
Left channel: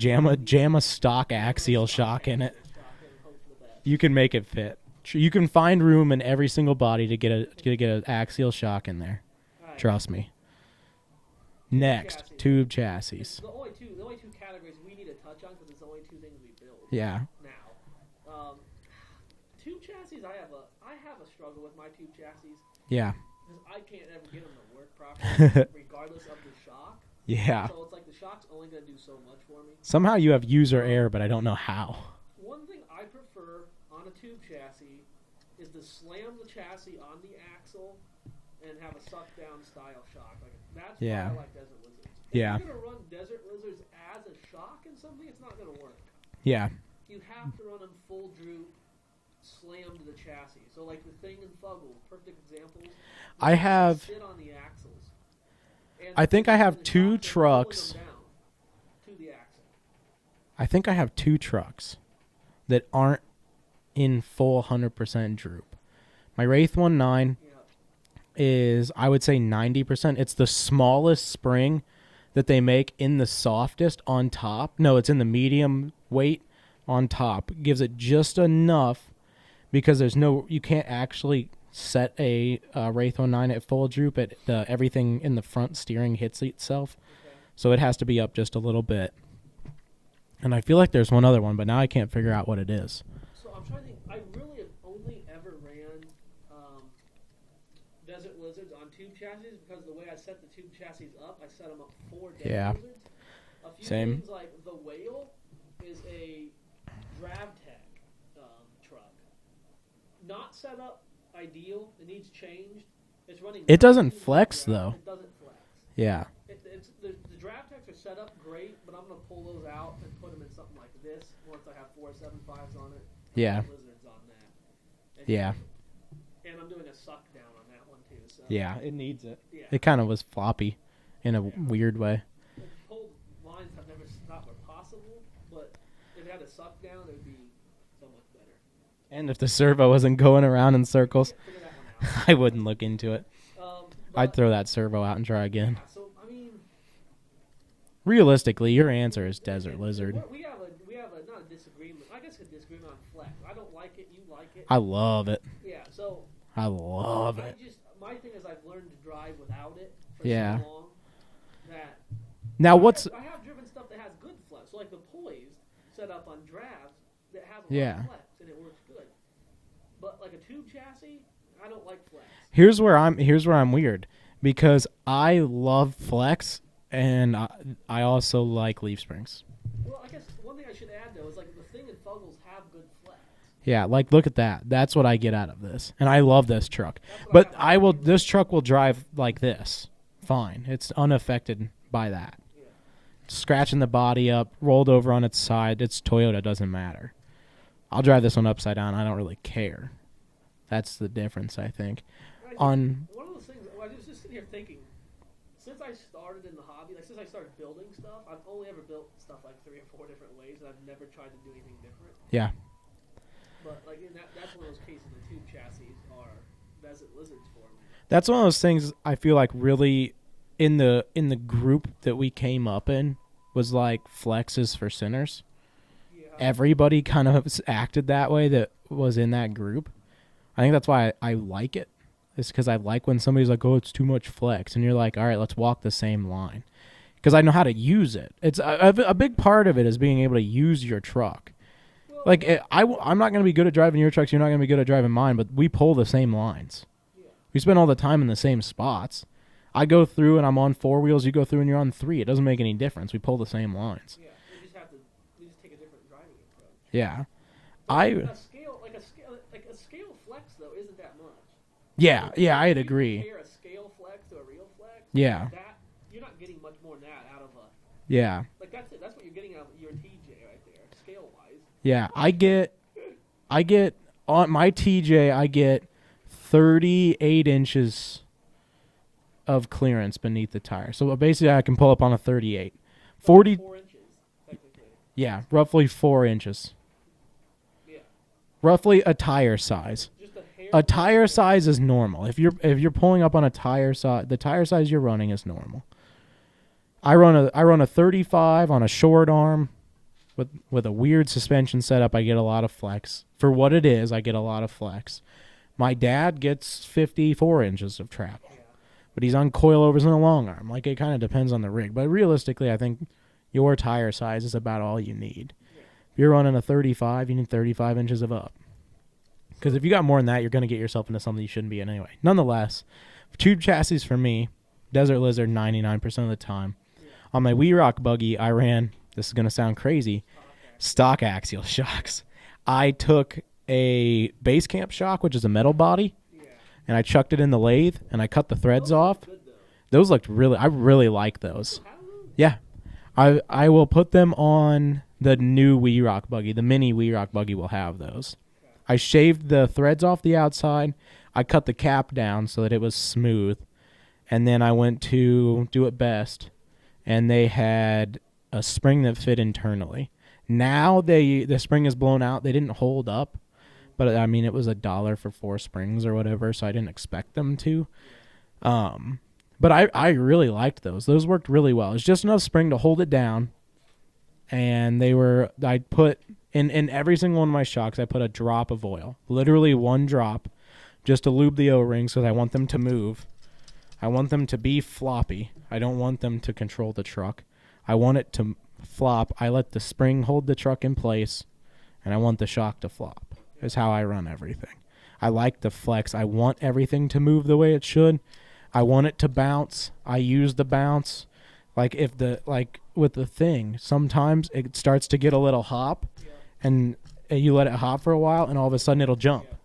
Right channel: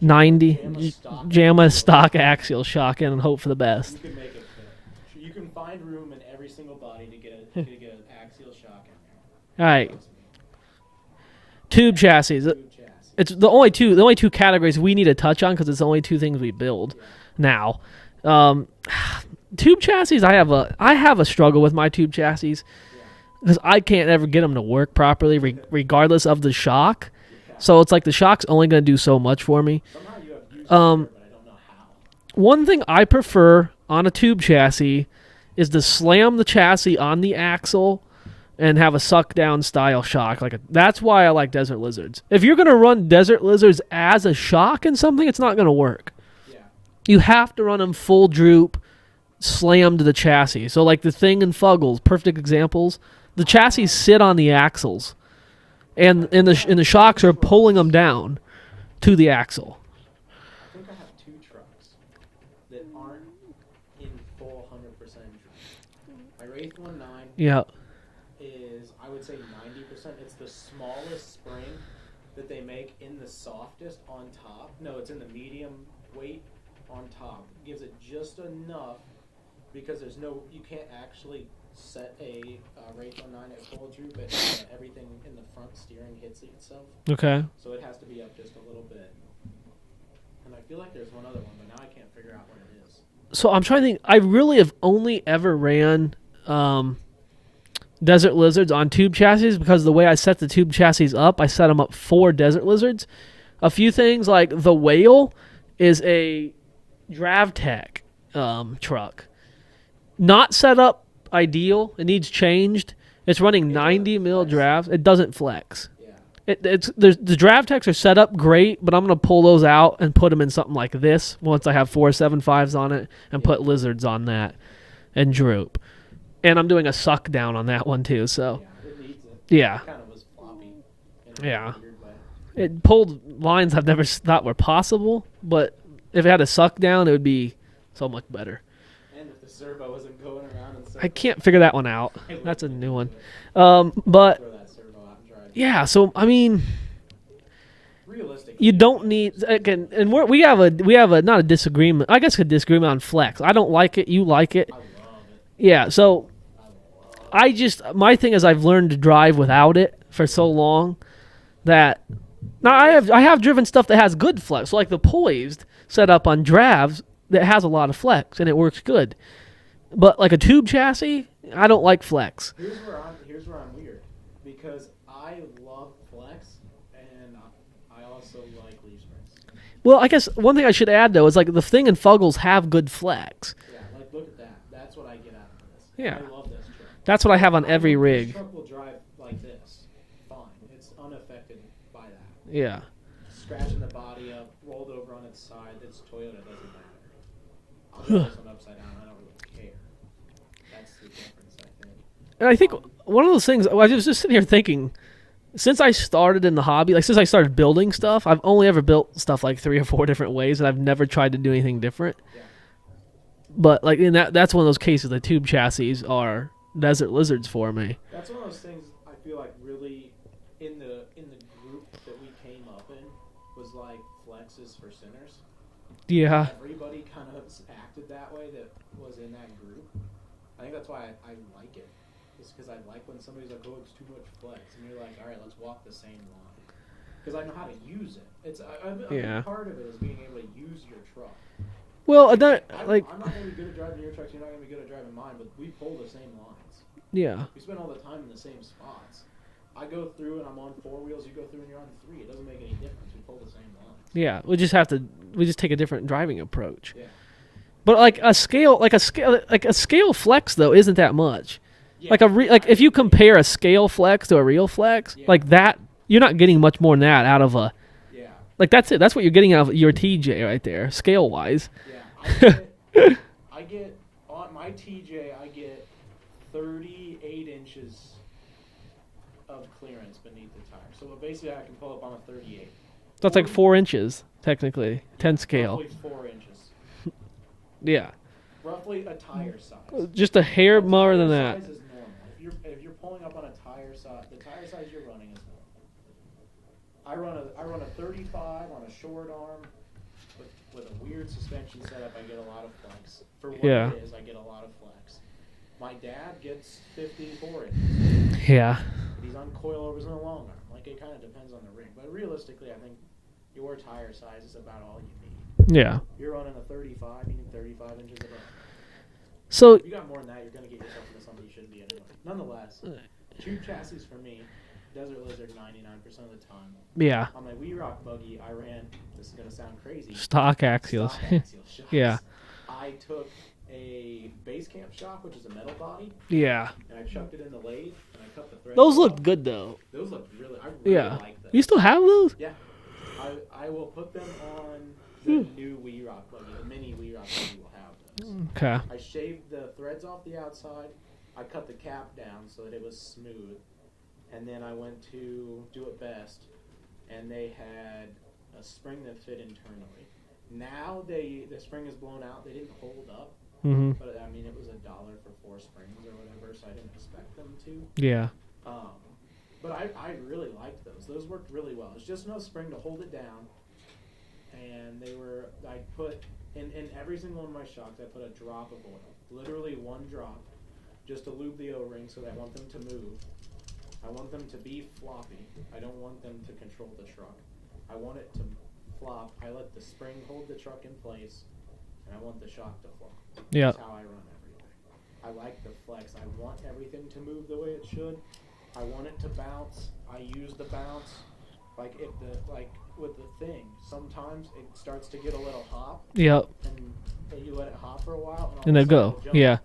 90. Jam a stock axial shock in and hope for the best. You can make it fit. You can find room in every single body to get an axial shock in there. All right. Trust me. Tube chassis. Tube chassis. It's the only two categories we need to touch on because it's the only 2 things we build. Yeah. Now, tube chassis. I have a struggle with my tube chassis. Yeah. Because I can't ever get them to work properly, regardless of the shock. Yeah. So it's like the shock's only going to do so much for me. Somehow you have user error, but I don't know how. One thing I prefer on a tube chassis is to slam the chassis on the axle and have a suck down style shock. That's why I like Desert Lizards. If you're going to run Desert Lizards as a shock in something, it's not going to work. Yeah. You have to run them full droop, slam to the chassis. So like the Thing and Fuggles, perfect examples. The chassis sit on the axles, and the shocks are pulling them down to the axle. I think I have 2 trucks that aren't in full 100% droop. My Wraith 1.9 is, I would say, 90%. It's the smallest spring that they make in the softest on top. No, it's in the medium weight on top. Gives it just enough because you can't actually set a Wraith 09 at full droop, everything in the front steering hits itself. Okay. So it has to be up just a little bit. And I feel like there's one other one, but now I can't figure out what it is. So I'm trying to think. I really have only ever ran Desert Lizards on tube chassis because the way I set the tube chassis up, I set them up for Desert Lizards. A few things like the Whale is a DravTech truck. Not set up ideal. It needs changed. It's running 90 mil drafts. It doesn't flex. Yeah. The DravTechs are set up great, but I'm going to pull those out and put them in something like this once I have 475s on it and put Lizards on that and droop. And I'm doing a suck down on that one too. So yeah, it needs it. Yeah. It kind of was floppy in a weird way. It pulled lines I've never thought were possible, but if it had a suck down, it would be so much better. And if the servo wasn't going around in circles, I can't figure that one out. I wouldn't look into it. But I'd throw that servo out and try again. Yeah, so I mean, realistically, you don't need. And we have a not a disagreement. I guess a disagreement on flex. I don't like it. You like it. I love it. Yeah. So I love. My thing is I've learned to drive without it for so long that now I have driven stuff that has good flex, like the Poised set up on Dravs that has a lot of flex and it works good. But like a tube chassis, I don't like flex. Here's where I'm weird because I love flex and I also like leaf springs. Well, I guess one thing I should add though is like the thing and Fuggles have good flex. Yeah, like look at that. That's what I get out of this, and I love this truck. That's what I have on every rig. This truck will drive like this, fine. It's unaffected by that. Yeah. Scratching the body up, rolled over on its side. It's Toyota, doesn't matter. I'll drive this one upside down. I don't really care. That's the difference, I think. And I think one of those things, I was just sitting here thinking, since I started in the hobby, like since I started building stuff, I've only ever built stuff like 3 or 4 different ways, and I've never tried to do anything different. Yeah. But like in that's one of those cases, the tube chassis are Desert Lizards for me. That's one of those things I feel like really in the group that we came up in was like flexes for sinners. Yeah. Everybody kind of acted that way that was in that group. I think that's why I like it. It's because I like when somebody's like, oh, it's too much flex. And you're like, all right, let's walk the same line. Because I know how to use it. It's a big part of it is being able to use your truck. Well, like, I'm not going to be good at driving your trucks. You're not going to be good at driving mine. But we pull the same lines. Yeah. We spend all the time in the same spots. I go through and I'm on 4 wheels. You go through and you're on 3. It doesn't make any difference. We pull the same lines. Yeah. We just take a different driving approach. Yeah. But a scale flex though isn't that much. Yeah. If you compare a scale flex to a real flex, like that, you're not getting much more than that out of a. Yeah. Like that's it. That's what you're getting out of your TJ right there, scale wise. Yeah. I get on my TJ. I get 38 inches of clearance beneath the tire. So basically, I can pull up on a 38. That's like 4 inches technically. 10 scale. Roughly 4 inches. Yeah. Roughly a tire size. Just a hair. A tire size is normal. If you're pulling up on a tire size, the tire size you're running is normal. I run a 35 on a short arm, with a weird suspension setup. I get a lot of flex for what it is. I get a lot of flex. My dad gets 54 inches of track. Yeah. But he's on coilovers and a long arm. Like, it kind of depends on the rig. But realistically, I think your tire size is about all you need. Yeah. If you're running a 35, you need 35 inches of up. So if you got more than that, you're going to get yourself into something you shouldn't be in anyway. Nonetheless, tube chassis for me, Desert Lizard 99% of the time. Yeah. On my Wee Rock buggy, I ran, this is going to sound crazy. Stock axial shocks. Yeah. I took a base camp shock, which is a metal body. Yeah. And I chucked it in the lathe, and I cut the threads off. Those look good, though. Those looked really, I really like those. You still have those? Yeah. I will put them on the new Wee Rock buggy. The mini Wee Rock buggy will have those. Okay. I shaved the threads off the outside. I cut the cap down so that it was smooth. And then I went to Do It Best, and they had a spring that fit internally. Now the spring is blown out. They didn't hold up. Mm-hmm. But, I mean, it was $1 for 4 springs or whatever, so I didn't expect them to. Yeah. But I really liked those. Those worked really well. It's just enough spring to hold it down. And I put, in every single one of my shocks, I put a drop of oil. Literally one drop just to lube the O-rings because I want them to move. I want them to be floppy. I don't want them to control the truck. I want it to flop. I let the spring hold the truck in place, and I want the shock to flop. Yeah. That's how I run everything. I like the flex. I want everything to move the way it should. I want it to bounce. I use the bounce. With the thing, sometimes it starts to get a little hop. Yep. And you let it hop for a while, and all of a sudden it'll jump. Yeah.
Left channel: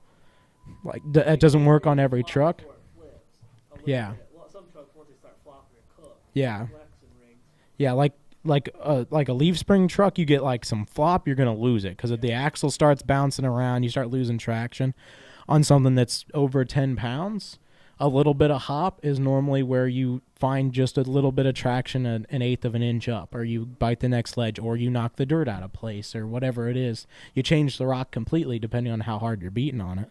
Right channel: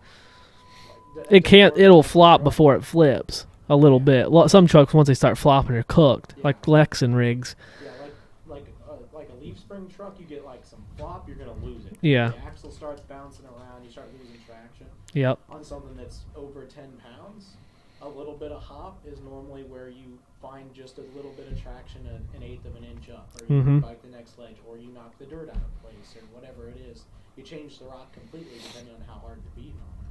It can't. It'll flop before it flips a little Yeah. bit. Well, some trucks, once they start flopping, are cooked. Yeah. Like Lexan rigs. Yeah, like a leaf spring truck, you get like some flop, you're gonna lose it because if the axle starts bouncing around, you start losing traction. Yep. On something that's over 10 pounds, a little bit of hop is normally where you find just a little bit of traction, an eighth of an inch up, or you bite the next ledge, or you knock the dirt out of place, or whatever it is. You change the rock completely depending on how hard you're beating on it.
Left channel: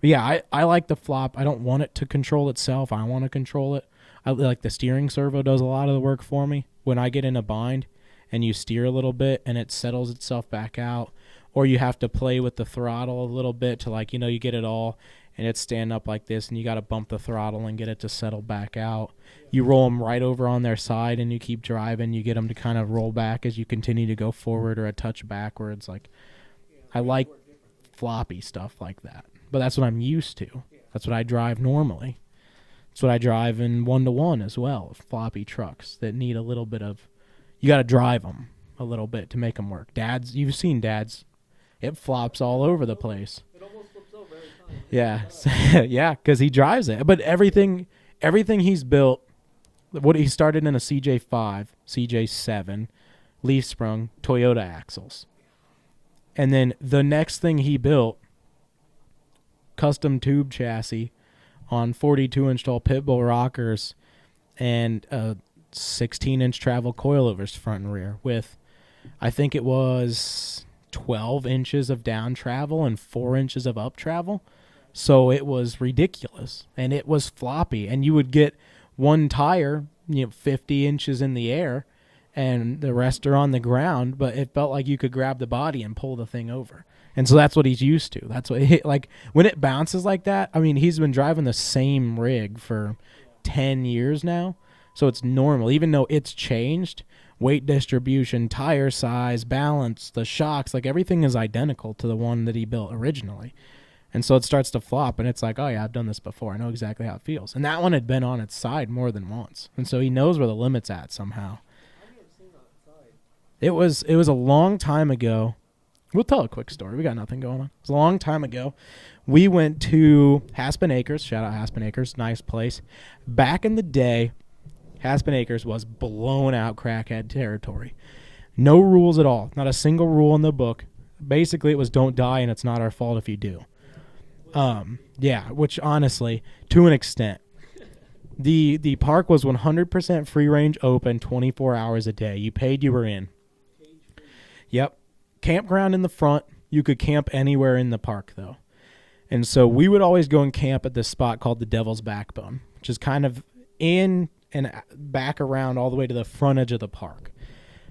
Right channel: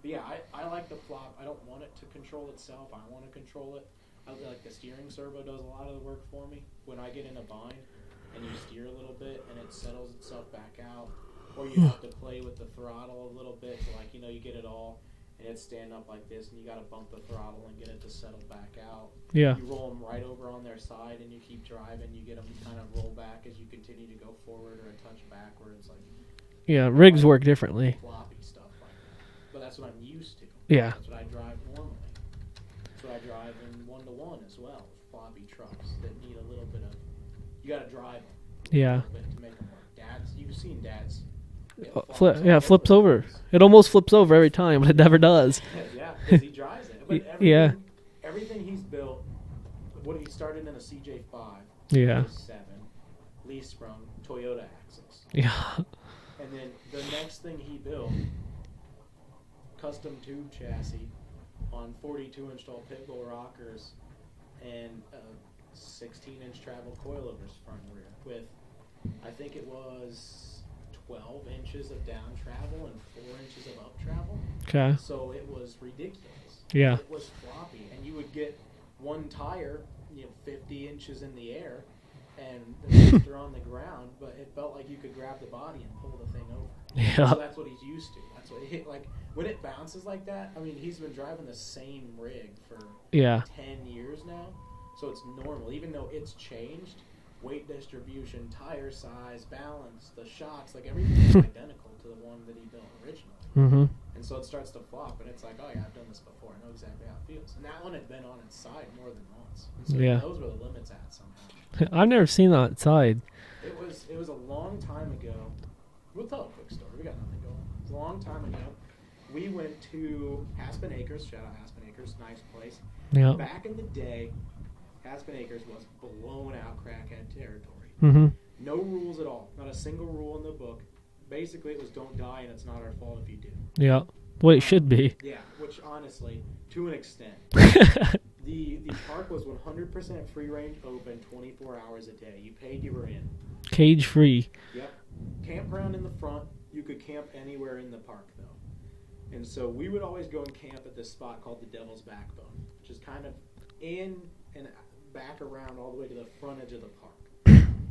But yeah, I like the flop. I don't want it to control itself. I want to control it. I like the steering servo does a lot of the work for me. When I get in a bind and you steer a little bit and it settles itself back out, or you have to play with the throttle a little bit to you get it all and it's stand up like this and you got to bump the throttle and get it to settle back out. Yeah. You roll them right over on their side and you keep driving. You get them to kind of roll back as you continue to go forward or a touch backwards. Yeah, rigs work differently. Floppy stuff like that. But that's what I'm used to. Yeah. That's what I drive normally. That's what I drive in 1-to-1 as well. Floppy trucks that need a little bit of, you got to drive them a little bit to make them work. You've seen dads. It flops all over flips the over. place. It almost flips over every time, but it never does. Yeah, because he drives it. But everything he's built, what he started in a CJ5, CJ7, leaf sprung, Toyota axles. Yeah. And then the next thing he built, custom tube chassis on 42-inch tall pit bull rockers and 16-inch travel coilovers front and rear with, I think it was 12 inches of down travel and 4 inches of up travel. Okay. So it was ridiculous. Yeah. And it was floppy. And you would get one tire, 50 inches in the air, and the rest are on the ground, but it felt like you could grab the body and pull the thing over. Yeah. And so that's what he's used to. That's what when it bounces like that, I mean, he's been driving the same rig for 10 years now. So it's normal, even though it's changed. Weight distribution, tire size, balance, the shocks, everything is identical to the one that he built originally. Mm-hmm. And so it starts to flop, and it's like, oh, yeah, I've done this before. I know exactly how it feels. And that one had been on its side more than once. And so he knows where the limit's at somehow. I've never seen that side. It was a long time ago. We'll tell a quick story. We got nothing going on. It was a long time ago. We went to Haspin Acres. Shout out Haspin Acres. Nice place. Yeah. Back in the day, Haspin Acres was blown out crackhead territory. Mm-hmm. No rules at all. Not a single rule in the book. Basically, it was don't die, and it's not our fault if you do. Yeah. Well, it should be. Yeah, which honestly, to an extent. The park was 100% free range open 24 hours a day. You paid, you were in. Cage free. Yep. Campground in the front. You could camp anywhere in the park, though. And so we would always go and camp at this spot called the Devil's Backbone, which is kind of in and back around all the way to the front edge of the park.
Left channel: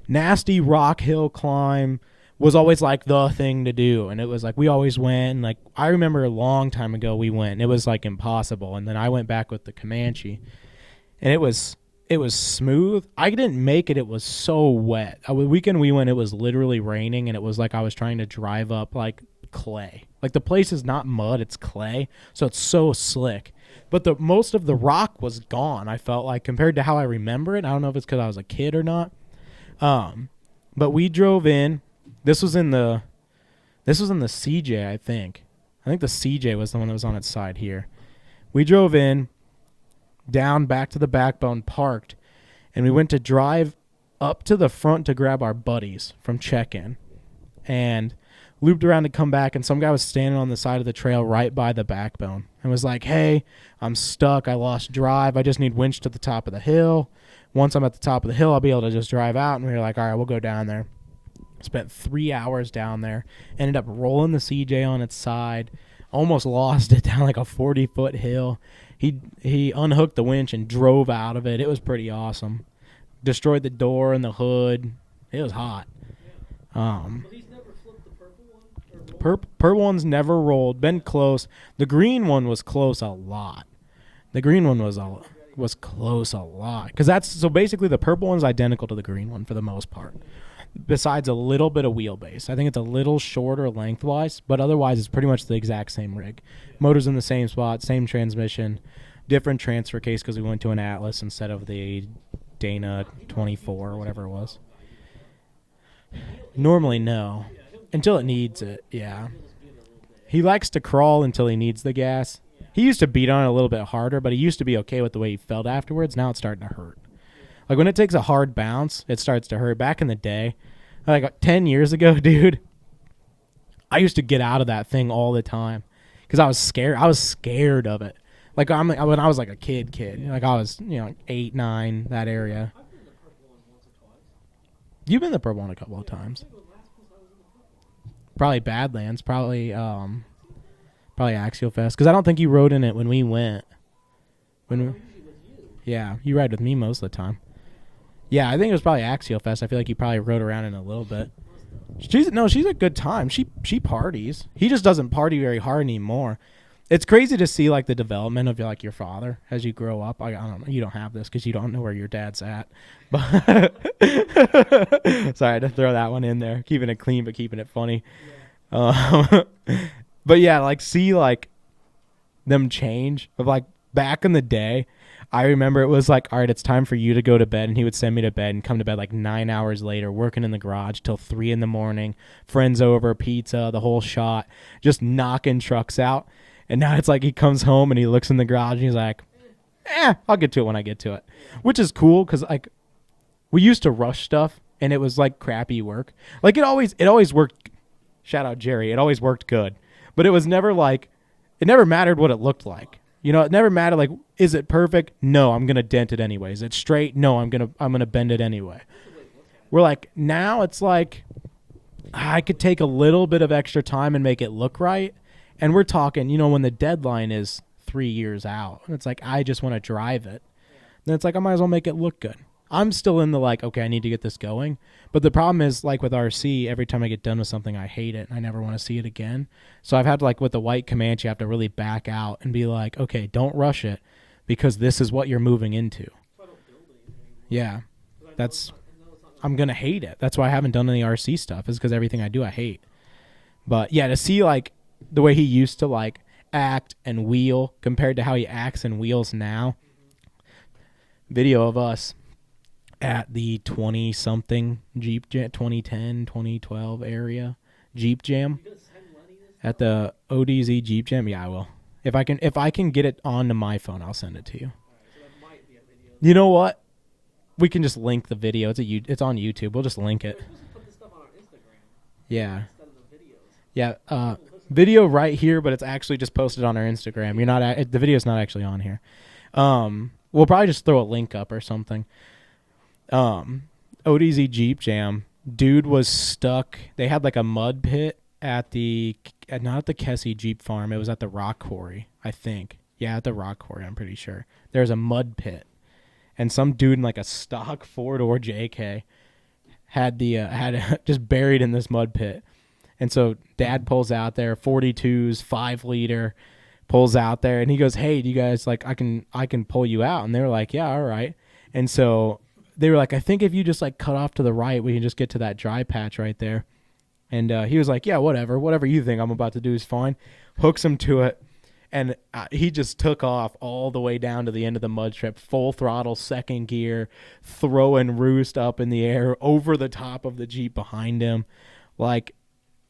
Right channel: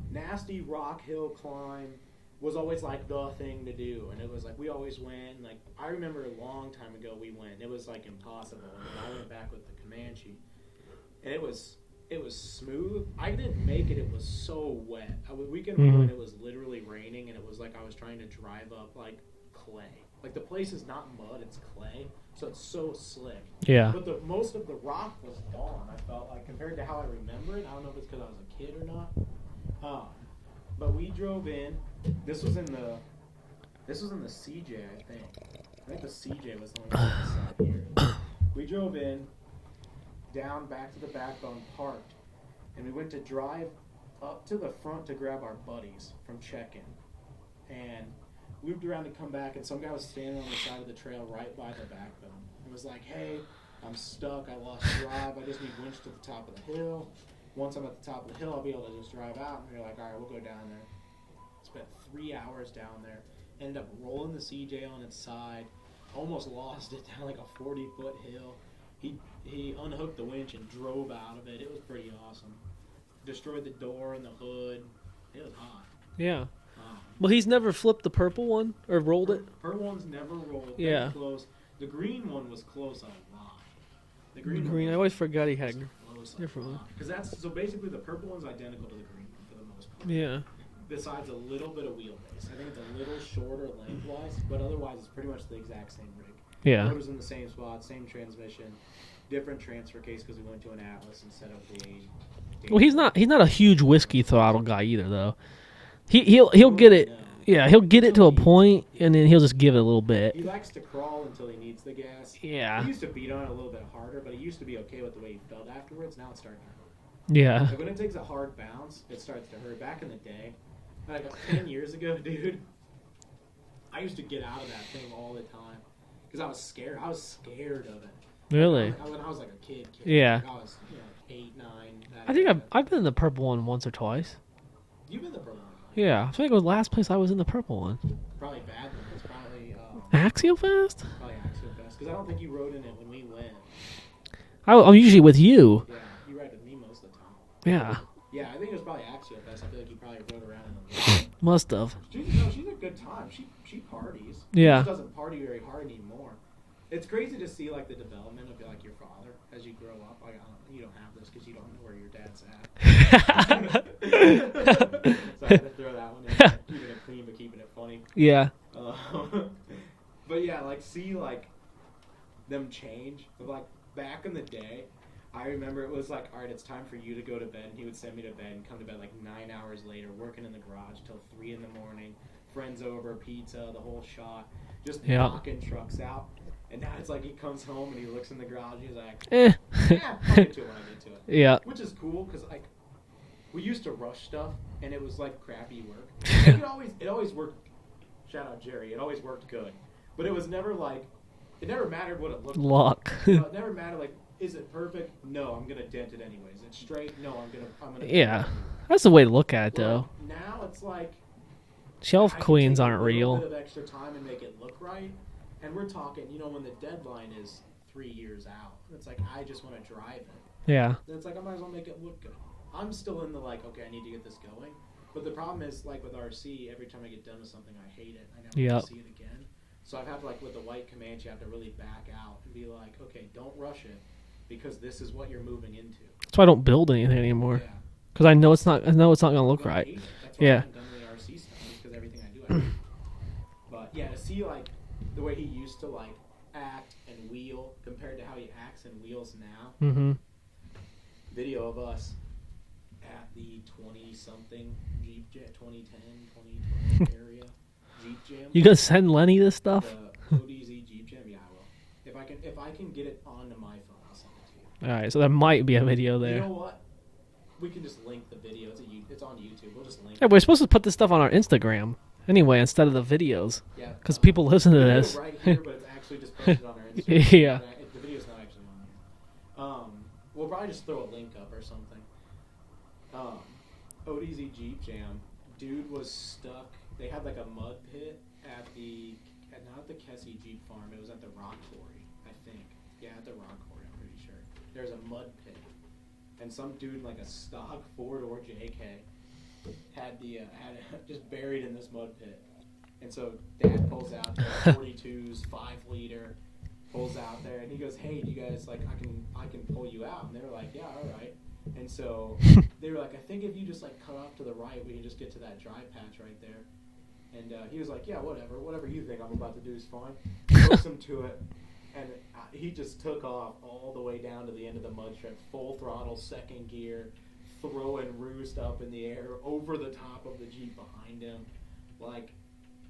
Nasty rock hill climb was always the thing to do, and it was we always went. I remember a long time ago we went, and it was impossible. And then I went back with the Comanche, and it was smooth. I didn't make it. It was so wet. The weekend we went, it was literally raining, and it was I was trying to drive up clay. The place is not mud, it's clay, so it's so slick. Yeah. But most of the rock was gone, I felt compared to how I remember it. I don't know if it's because I was a kid or not. But we drove in. This was in the CJ, I think. I think the CJ was the one that was on its side here. We drove in, down back to the Backbone, parked, and we went to drive up to the front to grab our buddies from check-in. And looped around to come back, and some guy was standing on the side of the trail right by the Backbone and was like, hey, I'm stuck. I lost drive. I just need winch to the top of the hill. Once I'm at the top of the hill, I'll be able to just drive out. And we were like, all right, we'll go down there. Spent 3 hours down there. Ended up rolling the CJ on its side. Almost lost it down a 40-foot hill. He unhooked the winch and drove out of it. It was pretty awesome. Destroyed the door and the hood. It was hot. Yeah. Well, he's never flipped the purple one or rolled it? Purple one's never rolled. Been Yeah. close. The green one was close a lot. The green one Yeah, was I always forgot he was had close a different lot. Because that's so basically the purple one's identical to the green one for the most part. Yeah. Besides a little bit of wheelbase. I think it's a little shorter lengthwise, but otherwise it's pretty much the exact same rig. Yeah. Motor's in the same spot, same transmission, different transfer case because we went to an Atlas instead of the Dana. Well, he's not a huge 24, whiskey whatever it was. throttle guy either, though. He'll Normally, get it. no. Yeah, he'll get Until it it to a needs point, it, and yeah. then he'll just give it a little bit. He likes to crawl until he needs the gas. Yeah. He used to beat on it a little bit harder, but he used to be okay with the way he felt afterwards. Now it's starting to hurt. Yeah. Like when it takes a hard bounce, it starts to hurt. Back in the day, like 10 years ago, dude, I used to get out of that thing all the time because I was scared. I was scared of it. Like Really? when I was like a kid. Yeah. Like I was, 8, 9, that I think area. I've been in the purple one once or twice. You've been in the purple one a couple of Yeah. I times. think it was the last place I was in the purple one. Probably Badlands. Probably Axial Fest? probably Axial Fest because I don't think you rode in it when we went. I'm usually with you. Yeah, you ride with me most of the time. Yeah. Yeah, I think it was probably Axial Fest. I feel like you probably rode around in a little bit. Must have. She's a good time. She parties. He Yeah. just doesn't party very hard anymore. It's crazy to see like the development of your father as you grow up. I don't know. You don't have this because you don't know where your dad's at. So I had to throw that one in there, keeping it clean but keeping it funny. Yeah. But yeah, like see like them change of like back in the day. I remember it was like, all right, it's time for you to go to bed, and he would send me to bed and come to bed like 9 hours later, working in the garage till 3 a.m. Friends over, pizza, the whole shot, just knocking trucks out. And now it's like he comes home and he looks in the garage and he's like, I'll get to it when I get to it. Yeah. Which is cool because like we used to rush stuff and it was like crappy work. Like it always worked. Shout out Jerry. It always worked good, but it was never like, it never mattered what it looked like. It never mattered like, is it perfect? No, I'm gonna dent it anyways. It's straight. No, I'm gonna bend it anyway. That's the way to look at it. We're though. like now it's like Shelf I could queens take a aren't little real. bit of extra time and make it look right. And we're talking, when the deadline is 3 years out, and it's like I just want to drive it. Yeah. Then it's like I might as well make it look good. I'm still in the like, okay, I need to get this going. But the problem is like with RC, every time I get done with something, I hate it and I never want to see it again. So I've had to, like with the white Comanche, I have to really back out and be like, okay, don't rush it because this is what you're moving into. That's why I don't build anything anymore. Yeah. Because I know it's not going to look right. I'm going to hate it. That's why I haven't done any RC stuff is because everything I do, I hate. But yeah, to see like the way he used to like act and wheel compared to how he acts and wheels now. Mm-hmm. Video of us at the 20-something Jeep Jam, 2010, 2012 area Jeep Jam. You gonna send Lenny this stuff? At the ODZ Jeep Jam? Yeah, I will. If I can get it onto my phone, I'll send it to you. All right, so there might be a video there. You know what? We can just link the video. It's on YouTube. We'll just link it. We're supposed to put this stuff on our Instagram anyway instead of the videos. Yeah, because people listen to video this. right here, but it's actually just posted on our Instagram. Yeah. The video's not actually on here. We'll probably just throw a link up or something. ODZ Jeep Jam. Dude was stuck. They had like a mud pit not at the Kessie Jeep Farm. It was at the Rock Quarry, I think. Yeah, at the Rock Quarry, I'm pretty sure. There's a mud pit. And some dude in like a stock 4-door JK had just buried in this mud pit. And so dad pulls out there, 42s, 5-liter, pulls out there, and he goes, "Hey, do you guys like I can pull you out?" And they were like, "Yeah, all right." And so they were like, "I think if you just like cut off to the right, we can just get to that dry patch right there." And he was like, "Yeah, whatever you think I'm about to do is fine." Hooks him to it. And he just took off all the way down to the end of the mud strip, full throttle, second gear, throwing roost up in the air over the top of the Jeep behind him. Like,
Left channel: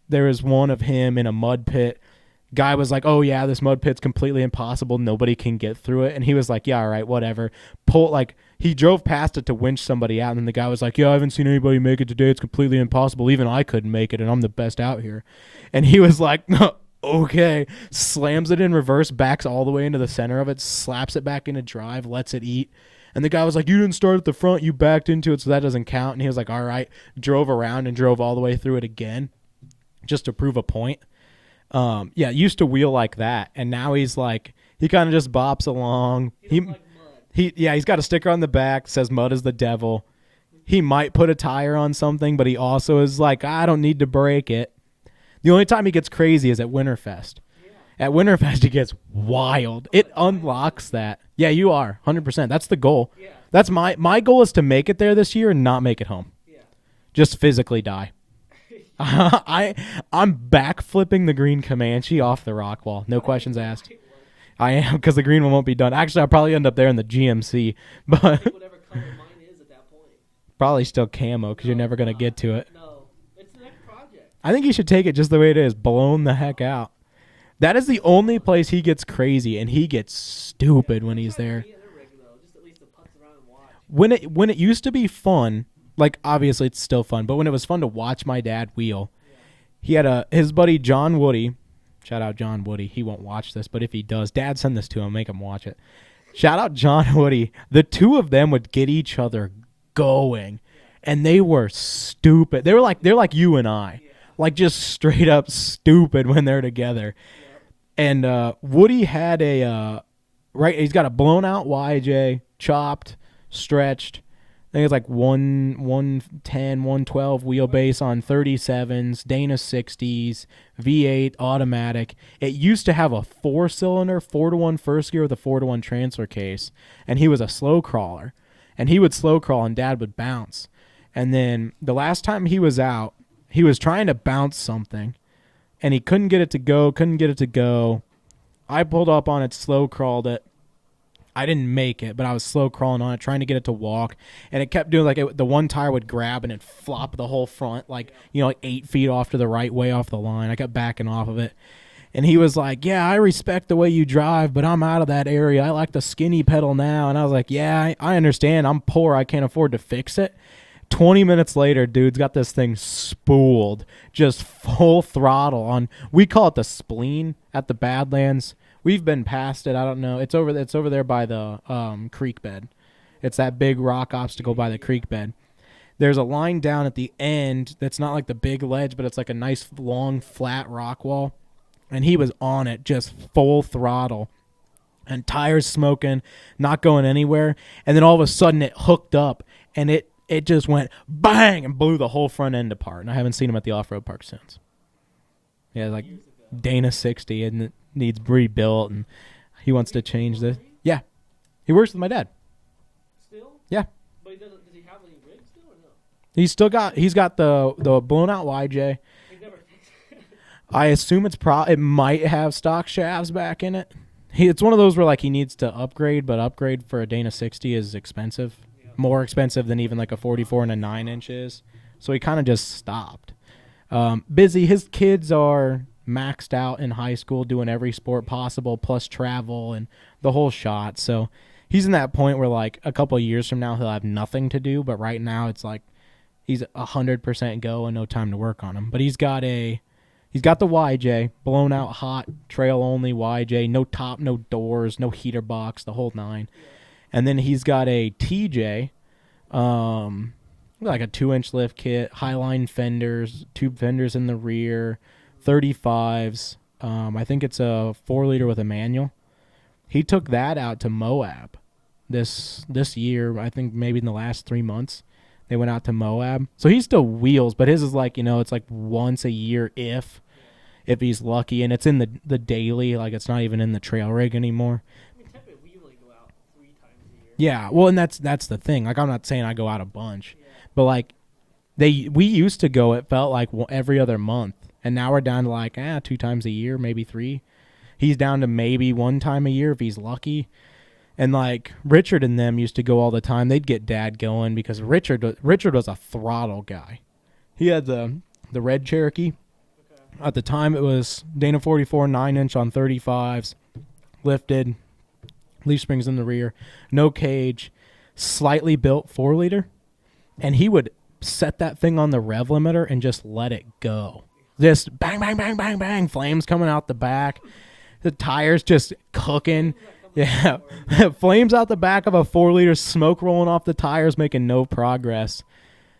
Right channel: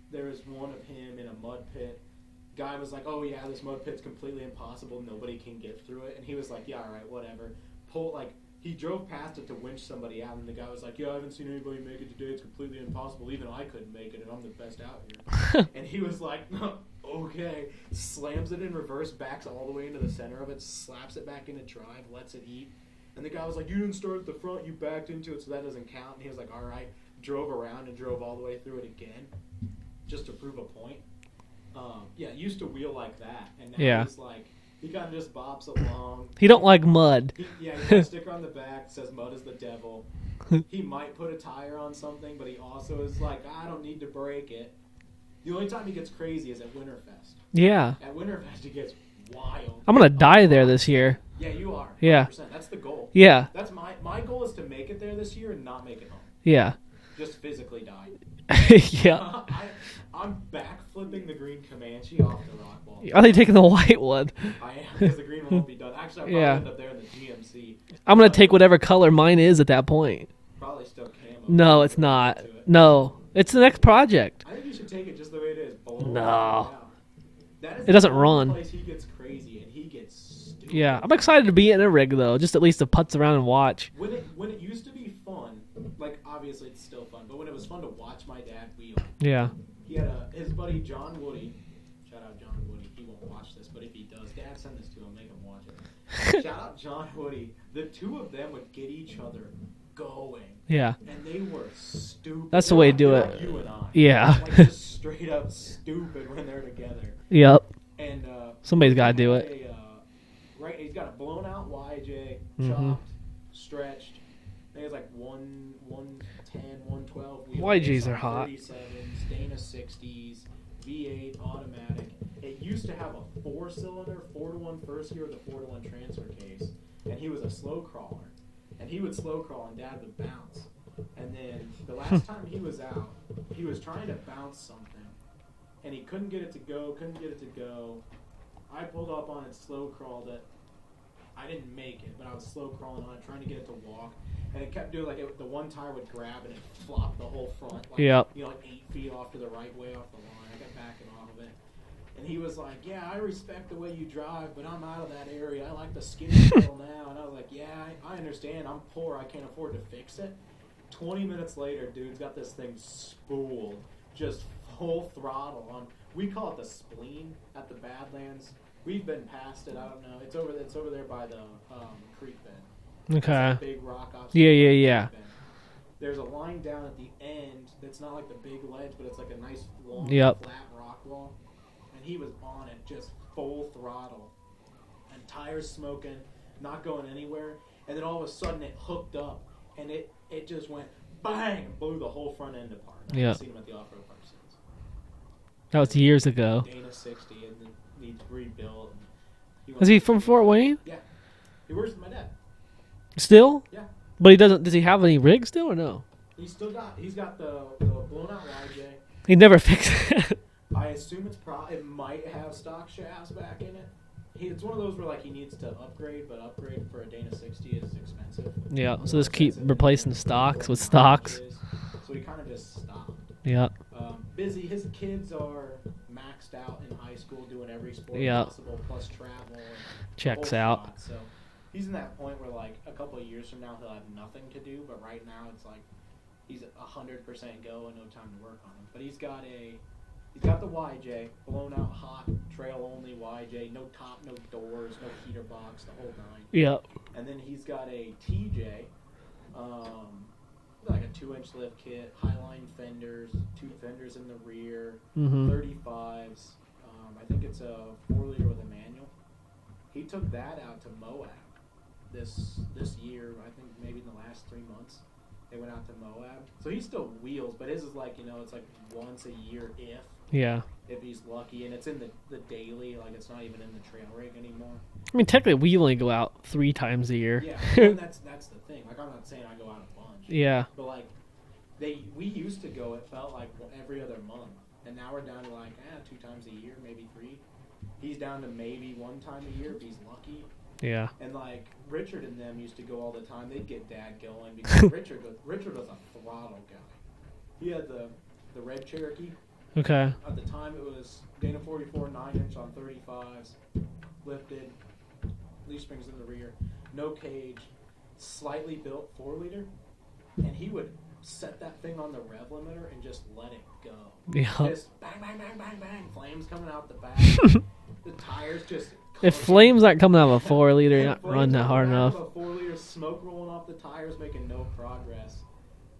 there was one of him in a mud pit. Guy was like, "Oh, yeah, this mud pit's completely impossible. Nobody can get through it." And he was like, "Yeah, all right, whatever." He drove past it to winch somebody out, and then the guy was like, "Yeah, I haven't seen anybody make it today. It's completely impossible. Even I couldn't make it, and I'm the best out here." And he was like, "No. Okay," slams it in reverse, backs all the way into the center of it, slaps it back into drive, lets it eat. And the guy was like, "You didn't start at the front, you backed into it, so that doesn't count." And he was like, "All right," drove around and drove all the way through it again just to prove a point. Used to wheel like that, and now he's like, he kind of just bops along. He don't like mud. He's got a sticker on the back, says mud is the devil. He might put a tire on something, but he also is like, I don't need to break it. The only time he gets crazy is at Winterfest. Yeah. At Winterfest, he gets wild. I'm going to die there this year. That. Yeah, you are. 100%. Yeah. That's the goal. Yeah. That's my goal is to make it there this year and not make it home. Yeah. Just physically die. Yeah. I'm backflipping the green Comanche off the rock wall. No I think taking the questions asked. white one. I am, because the green one won't be done. Actually, I'll probably Yeah. end up there in the GMC. I'm going to take whatever color mine is at that point. Probably still camo. No, You're it's never gonna not. get to it. No. It's the next project. I think you should take it just the way it is, blown the No. heck out. That is It the doesn't only run. place he gets crazy, and he gets stupid. Yeah. I'm when he's excited to there. be in a rig, though, just at least to putz around and watch. When it used to be fun, like obviously it's still fun, but when it was fun to watch my dad wheel, Yeah. he had his buddy John Woody. Shout out John Woody. He won't watch this, but if he does, Dad, send this to him. Make him watch it. Shout out John Woody. The two of them would get each other going, Yeah. and they were stupid. That's They the were way like to do they're it. like you and I. Yeah. Like just straight up stupid when they're together. Yep. And Somebody Woody gotta do had it. a right. He's got a blown out YJ, chopped, stretched. I think it's like 110, 112 wheelbase YJs are on hot. 37s, Dana 60s, V8 automatic. It used to have a 4-cylinder, 4-to-1 first gear with a 4-to-1 transfer case, and he was a slow crawler. And he would slow crawl, and Dad would bounce. And then the last time he was out, he was trying to bounce something, and he couldn't get it to go. I pulled up on it, slow crawled it. I didn't make it, but I was slow crawling on it, trying to get it to walk, and it kept doing the one tire would grab and it'd flop the whole front, like Yep. like 8 feet off to the right, way off the line. I kept backing off of it, and he was like, "Yeah, I respect the way you drive, but I'm out of that area. I like the skinny pedal now." And I was like, "Yeah, I understand. I'm poor. I can't afford to fix it." 20 minutes later, dude's got this thing spooled, just full throttle on. We call it the spleen at the Badlands. We've been past it. I don't know. It's over there by the creek bed. Okay. It's that big rock obstacle Yeah, by the yeah, creek bed. There's a line down at the end that's not like the big ledge, but it's like a nice long flat rock wall. And he was on it, just full throttle. And tires smoking, not going anywhere. And then all of a sudden it hooked up, and it just went bang and blew the whole front end apart. And I haven't seen him at the off-road park since. That was Yeah, like years ago. Dana 60, and it needs rebuilt, and he wants Is he to from change Fort Wayne? Yeah. He works with my dad. Still? Yeah. But he doesn't. Does he have any rigs still or no? He's got the blown out YJ. He never fixed it. I assume it might have stock shafts back in it. It's one of those where like he needs to upgrade, but upgrade for a Dana 60 is expensive. Yeah, More so just keep expensive than even like a replacing 44 and a stocks 9 with inch is. So he kind of just stopped. Yeah. Busy. His kids are maxed out in high school, doing every sport Yeah. possible, plus travel and the Checks whole out. shot. So he's in that point where like a couple of years from now he'll have nothing to do, but right now it's like he's 100% go and no time to work on him. But he's got the YJ, blown out hot, trail only YJ, no top, no doors, no heater box, the whole 9. Yeah. And then he's got a TJ, like a 2-inch lift kit, highline fenders, tube fenders in the rear, 35s. I think it's a 4-liter with a manual. He took that out to Moab this year. I think maybe in the last 3 months. They went out to Moab. So he still wheels, but his is like, it's like once a year if he's lucky. And it's in the daily, like it's not even in the trail rig anymore. I mean, technically, we only go out 3 times a year. Yeah, well, and that's the thing. Like, I'm not saying I go out a bunch. Yeah. But, like, we used to go, it felt like every other month. And now we're down to, like, 2 times a year, maybe 3. He's down to maybe 1 time a year if he's lucky. Yeah. And, like, Richard and them used to go all the time. They'd get Dad going because Richard was a throttle guy. He had the red Cherokee. Okay. At the time, it was Dana 44 9-inch on 35s, lifted, leaf springs in the rear, no cage, slightly built 4-liter, and he would set that thing on the rev limiter and just let it go. Yeah. Just bang, bang, bang, bang, bang, flames coming out the back. The tires just cooking. If flames aren't coming out of a 4-liter. Flames out the back of a 4-liter, smoke rolling off the tires, making no progress.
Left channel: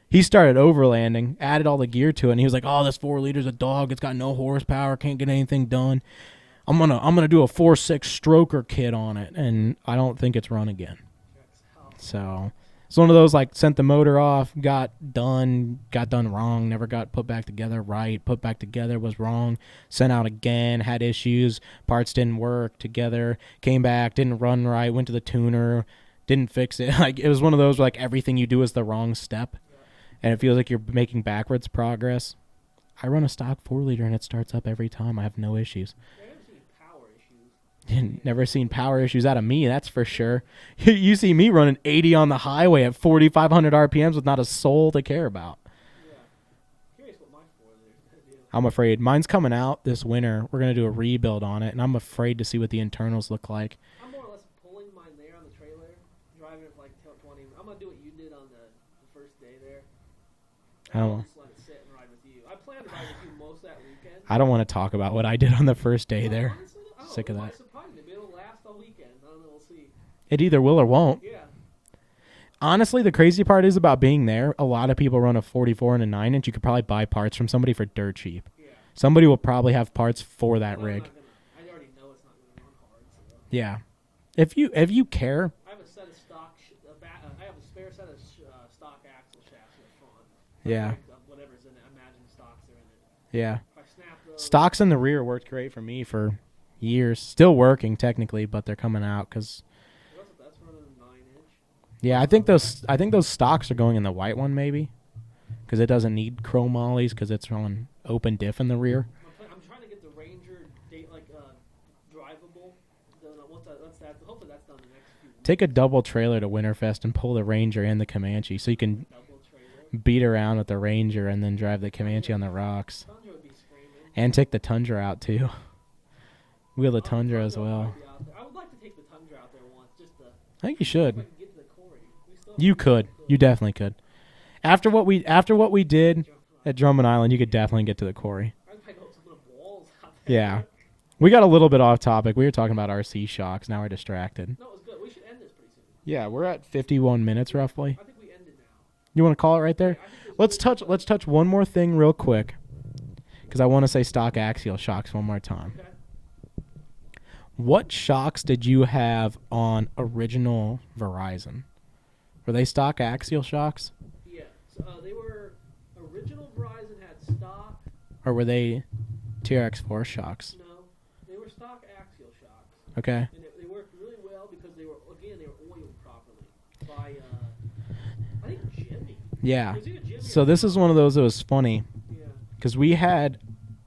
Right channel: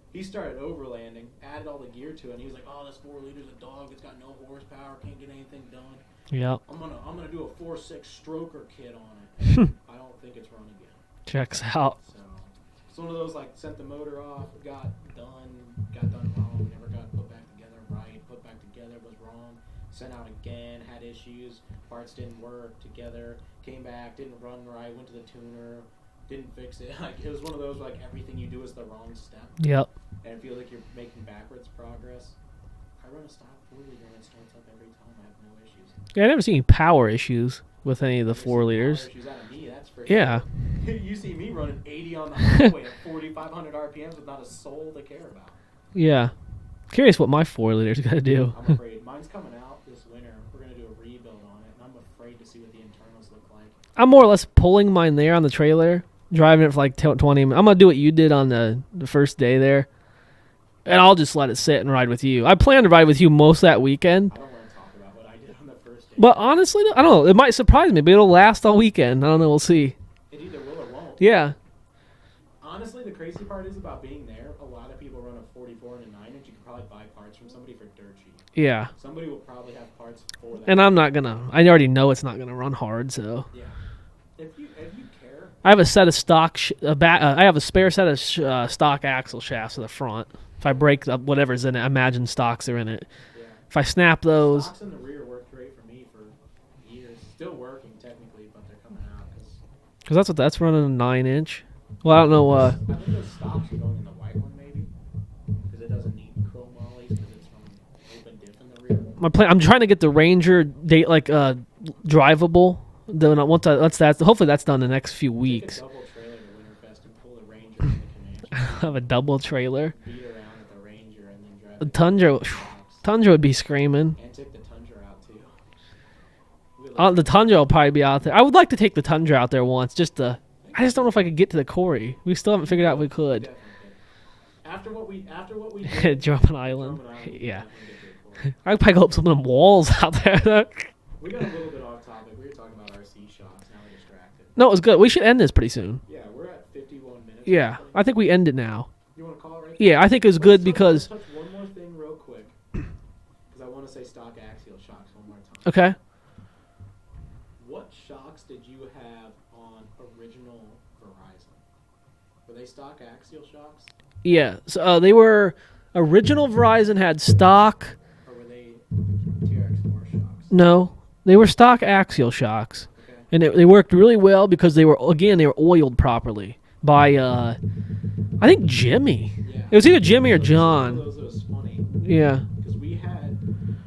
He started overlanding, added all the gear to it, and he was like, "Oh, this 4-liter's a dog. It's got no horsepower. Can't get anything done. Yep. I'm gonna do a 4.6 stroker kit on it, and I don't think it's run again." Checks out. So It's one of those like sent the motor off, got done wrong, never got put back together right, put back together was wrong, sent out again, had issues, parts didn't work together, came back, didn't run right, went to the tuner, didn't fix it. Like it was one of those where, like everything you do is the wrong step. Yep. And it feels like you're making backwards progress. I run a stock 4-liter and it starts up every time. I have no issues. Yeah, I never seen any power issues with any of the Never 4 seen liters. power issues out of me, that's for Yeah. sure. You see me running 80 on the highway at 4,500 RPMs with not a soul to care about. Yeah. Curious what my 4 liters gonna do. I'm afraid. Mine's coming out this winter. We're going to do a rebuild on it, and I'm afraid to see what the internals look like. I'm more or less pulling mine there on the trailer, driving it for like 20 minutes. I'm gonna do what you did on the first day there. And I'll just let it sit and ride with you. I plan to ride with you most of that weekend. I don't want to talk about what I did on the first day. But there. honestly, I don't know. It might surprise me, but it'll last all weekend. I don't know. We'll see. It either will or won't. Yeah. Honestly, the crazy part is about being there. A lot of people run a 44 and a 9-inch. You could probably buy parts from somebody for dirt cheap. Yeah. Somebody will probably have parts for that. And I'm rig. not going to. I already know it's not going to run hard, so. Yeah. If you care. I have a set of stock. I have a spare set of stock axle shafts to the front. If I break up whatever's in it, I imagine stocks are in it. Yeah. If I snap those. Stocks in the rear worked great for me for years. Still working technically, but they're coming out because that's running a 9-inch. yeah, Well, I don't know. I think those stocks are going in the white one maybe because it doesn't need chrome ollies because it's running open diff in the rear. My plan. I'm trying to get the Ranger drivable. Then hopefully that's done in the next few weeks. Take a double trailer to Winterfest and pull the Ranger and the Comanche so you have a can double trailer. beat around with the Ranger and then drive the Tundra Comanche on the rocks. Tundra would be screaming. And take the Tundra out too. The Tundra will probably be out there. I would like to take the Tundra out there once, just to. I I just don't know if I could get to the quarry. We still haven't You figured out if we could. You definitely could. After what we did At Drummond at Island. Drummond Island, you could definitely get to the quarry. I could probably go up some of them walls out there. Yeah. We got a little bit off topic. We were talking about RC shocks. Now we're distracted. No, it was good. We should end this pretty soon. Yeah, we're at 51 minutes Yeah, roughly. I think we end it now. You want to call it right there? Yeah, I think it was good because. Let's touch one more thing real quick because I want to say stock axial shocks one more time. Okay. What shocks did you have on original Verizon? Were they stock axial shocks? Yeah, so they were. Original Verizon had stock. Or were they TRX4 shocks? No, they were stock axial shocks. Okay. And they worked really well because they were oiled properly by I think Jimmy. Yeah. It was either Jimmy or so John. this is one of those that was funny Yeah. because we had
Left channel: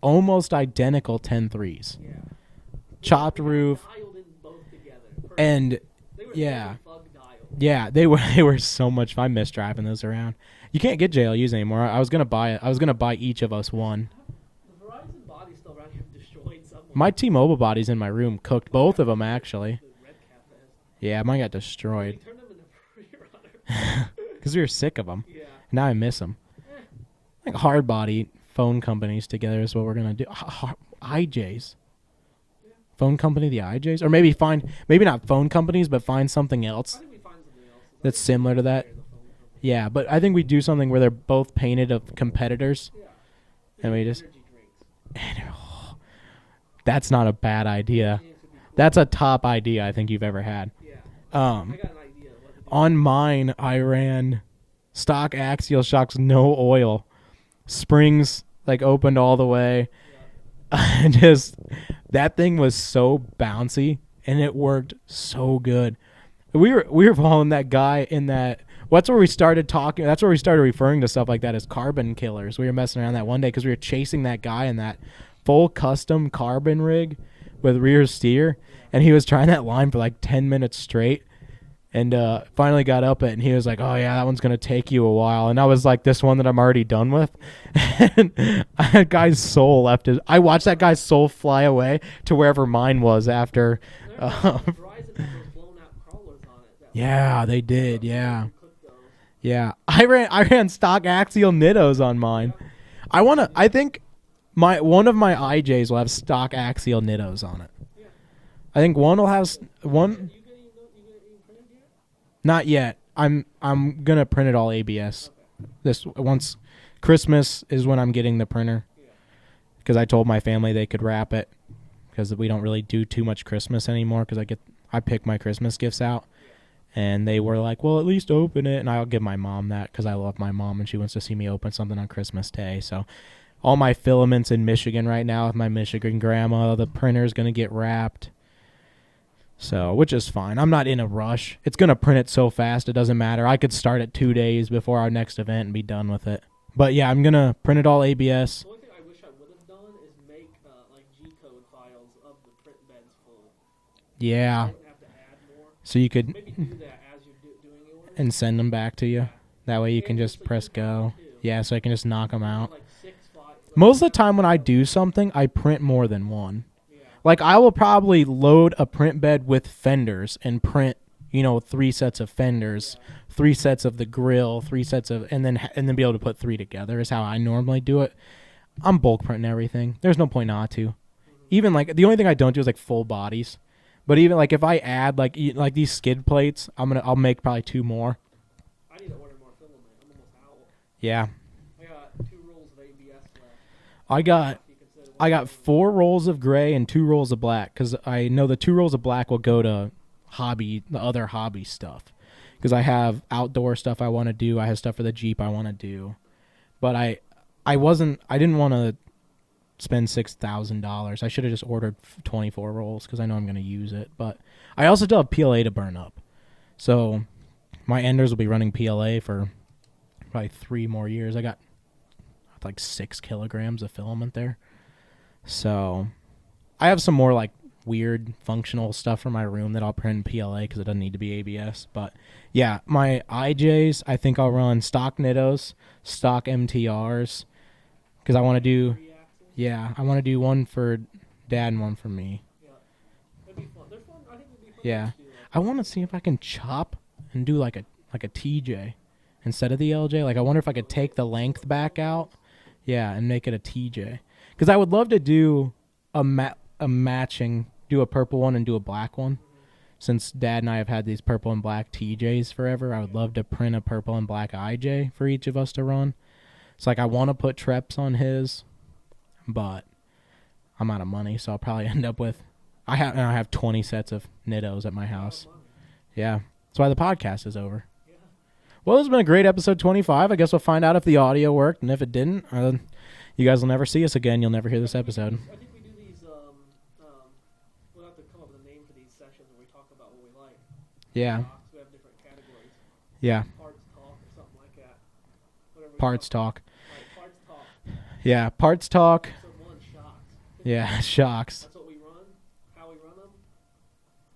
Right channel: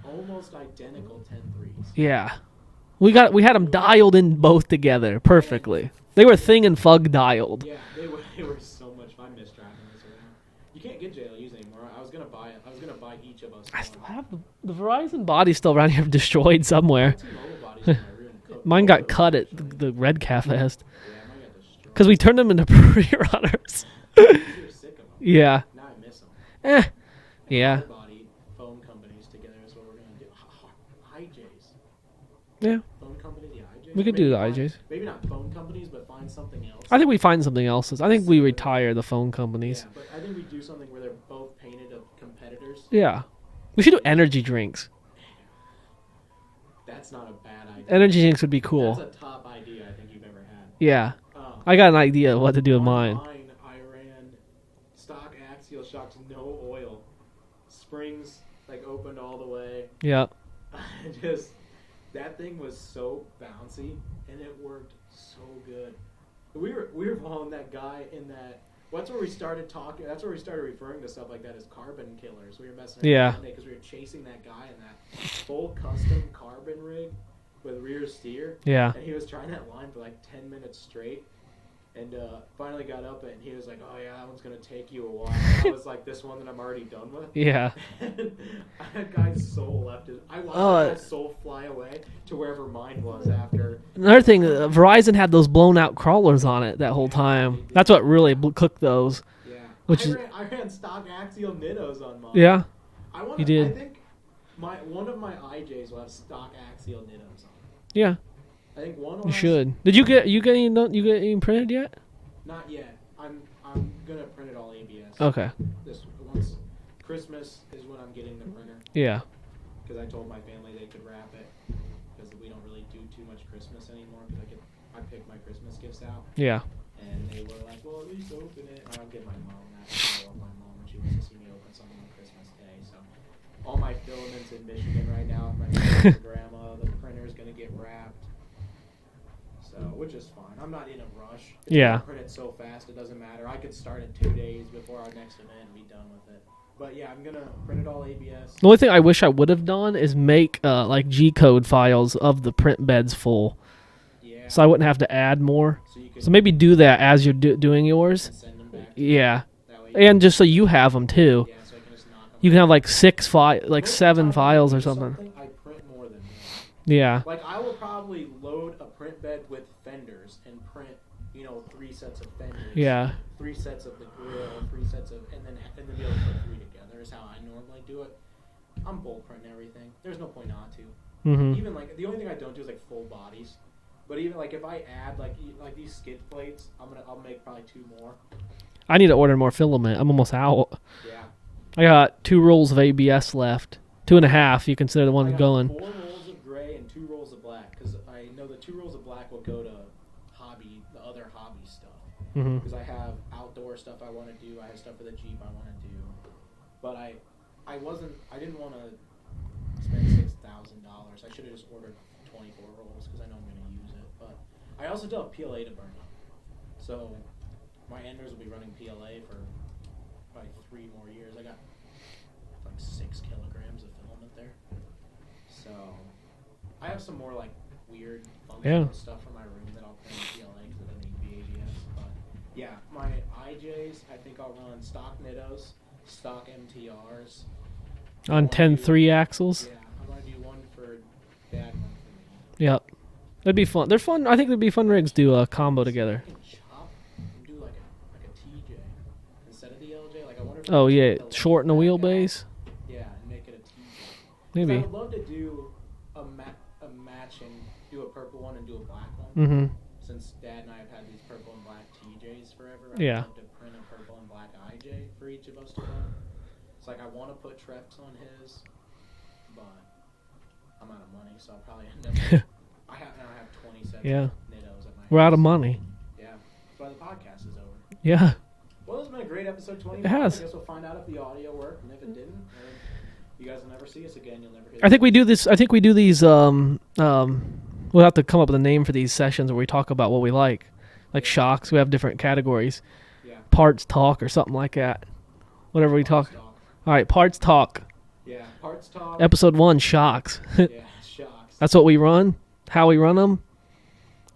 almost identical 10.3s. Yeah. We Chalk had them roof. dialed in both together perfectly. And- they were yeah. thing and fug dialed. Yeah, they were so much fun. I miss driving those around. You can't get JLUs anymore. I was gonna buy it. I was gonna buy each of us one. I have the Verizon body's still around here destroyed somewhere. My T-Mobile body's in my room cooked. Mine both got of them cut actually. at the Red Cat Fest Yeah, mine got destroyed. because we turned them into pre-runners. Because we were sick of them. Yeah. Now I miss them. Yeah. Hard body phone companies together is what we're gonna do. IJs. Yeah. Phone company, the IJs, We or could maybe do the find IJs. maybe not phone companies, but find something else. I think we find something else. I That's think we similar to that. retire the phone companies. Yeah, but I think we do something where they're both painted of competitors. Yeah. We should Yeah, do we just- energy drinks. That's not a bad idea. Energy drinks would be cool. That's a top idea I think you've ever had. Yeah. I I got an idea of what to do on with mine. I ran stock axial shocks, no oil, springs like opened all the way. Yeah. And just that thing was so bouncy and it worked so good. We were following that guy in that. That's where we started talking. That's where we started referring to stuff like that as carbon killers. We were messing around that one day because we were chasing that guy in that full custom carbon rig with rear steer. Yeah. And he was trying that line for like 10 minutes straight. And finally got up it, and he was like, "Oh yeah, that one's gonna take you a while." And I was like, "This one that I'm already done with." Yeah. And that guy's soul left his. I watched that guy's soul fly away to wherever mine was after. Another thing, Verizon had those blown out crawlers on it that whole Yeah, time. they That's did, what really yeah. cooked those. Yeah, I ran stock axial nittos on mine. Yeah. I You did. I think one of my IJs will have stock axial nittos on it. Yeah. I think one will have. Should. Did you get any printed yet? Not yet. I'm gonna print it all ABS. Okay. Once Christmas is when I'm getting the printer Yeah. because I told my family they could wrap it because we don't really do too much Christmas anymore because I pick my Christmas gifts out Yeah. And they were like, well, at least open it. And I'll give my mom that because I love my mom and she wants to see me open something on Christmas Day. So all my filaments in Michigan right now with my Michigan grandma, the printer's going to get wrapped. So, which is fine. I'm not in a rush. It's going to print it so fast, it doesn't matter. I could start it 2 days before our next event and be done with it. But yeah, I'm going to print it all ABS. The only thing I wish I would have done is make like G-code files of the print beds full. Yeah. So I wouldn't have to add more. So you could. So maybe do that as you're doing yours. And send them back to you. Yeah. That way you and can just so you press have go. them too. Yeah, so I can just knock them out. You can have like 6 files, like Most 7 of the time files when I do or something, I print more than one. Yeah. Like I will probably load a print bed with fenders and print, 3 sets of fenders. Yeah. 3 sets of the grill, 3 sets of, and then be able to put 3 together is how I normally do it. I'm bulk printing everything. There's no point not to. Mm-hmm. Even like the only thing I don't do is like full bodies. But even like if I add like these skid plates, I'll make probably 2 more. I need to order more filament. I'm almost out. Yeah. I got 2 rolls of ABS left. 2.5. You consider the one I got going. 4 rolls of gray and 2 rolls of black because I know the 2 rolls of black will go to the other hobby stuff. Because I have outdoor stuff I want to do. I have stuff for the Jeep I want to do. But I didn't want to spend $6,000. I should have just ordered 24 rolls because I know I'm going to use it. But I also still have PLA to burn up. So my enders will be running PLA for probably 3 more years. I got like 6 kilograms of filament there. So I have some more like weird functional stuff for my room that I'll print in PLA because it doesn't need to be ABS. But yeah, my IJs, I think I'll run stock Nittos, stock MTRs. I want 10 3-axles. Yeah, I want to do one for Dad and one for me. Yep. That'd be fun. They're fun. I think it'd be fun rigs to do a combo together. See if I can chop and do like a TJ instead of the LJ. Like I wonder if I could take the length shorten the back wheelbase. Yeah, and make it a TJ. Because I would love to do a matching, do a purple one and do a black one. Mm-hmm. Since Dad and I have had these purple and black TJs forever, I would love to print a purple and black IJ for each of us to run. It's like I want to put Treps on his, but I'm out of money, so I'll probably end up with. I have 20 sets of Nittos at my house. We're out of money. Yeah, that's why the podcast is over. Yeah. Well, it's been a great episode 25. Yes. I guess we'll find out if the audio worked, and if it didn't, you guys will never see us again. You'll never hear this. I think we do this. I think we do these. We'll have to come up with a name for these sessions where we talk about what we like shocks. We have different categories. Yeah. Parts talk or something like that. Whatever we Parts talk. All right, parts talk. Yeah, parts talk. Episode 1, shocks. Yeah, shocks. That's what we run. How we run them.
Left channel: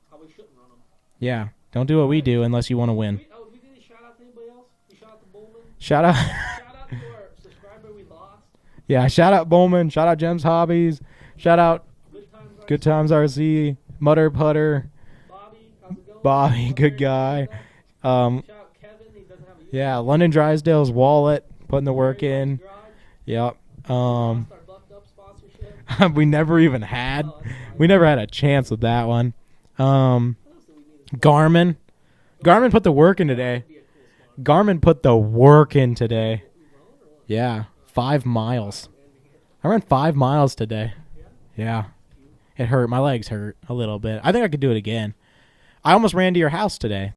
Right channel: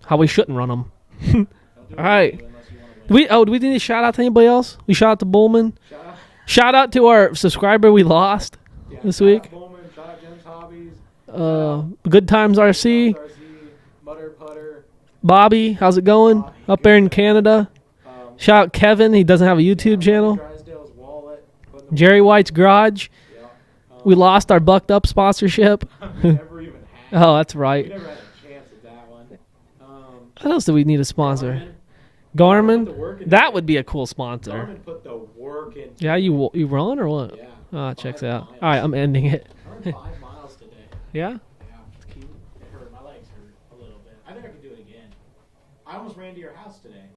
How we shouldn't run them. Yeah. Don't do what we do unless you want to win. Do we need to shout out to anybody else? We shout out to Bullman. Shout out. Shout out to our subscriber we lost. Yeah, shout out Bowman. Shout out Jem's Hobbies. Shout out Good Times RC. Good Times RC. Mutter Putter. Bobby, how's it going? Bobby, up there in guy. Canada. Shout out Kevin. He doesn't have a YouTube channel. London Drysdale's wallet. Putting the work Jerry in. White's Garage. Yep. We lost our Bucked Up sponsorship. We never even had. Oh, that's right. We never had a chance with that one. What else do we need to sponsor? Garmin put the work in today. That would be a cool sponsor. Garmin put the work in today. Yeah, you run or what? Yeah. Oh, 5 miles. All right, I'm ending it. I ran 5 miles today. Yeah? Yeah. It hurt. My legs hurt a little bit. I think I could do it again. I almost ran to your house today.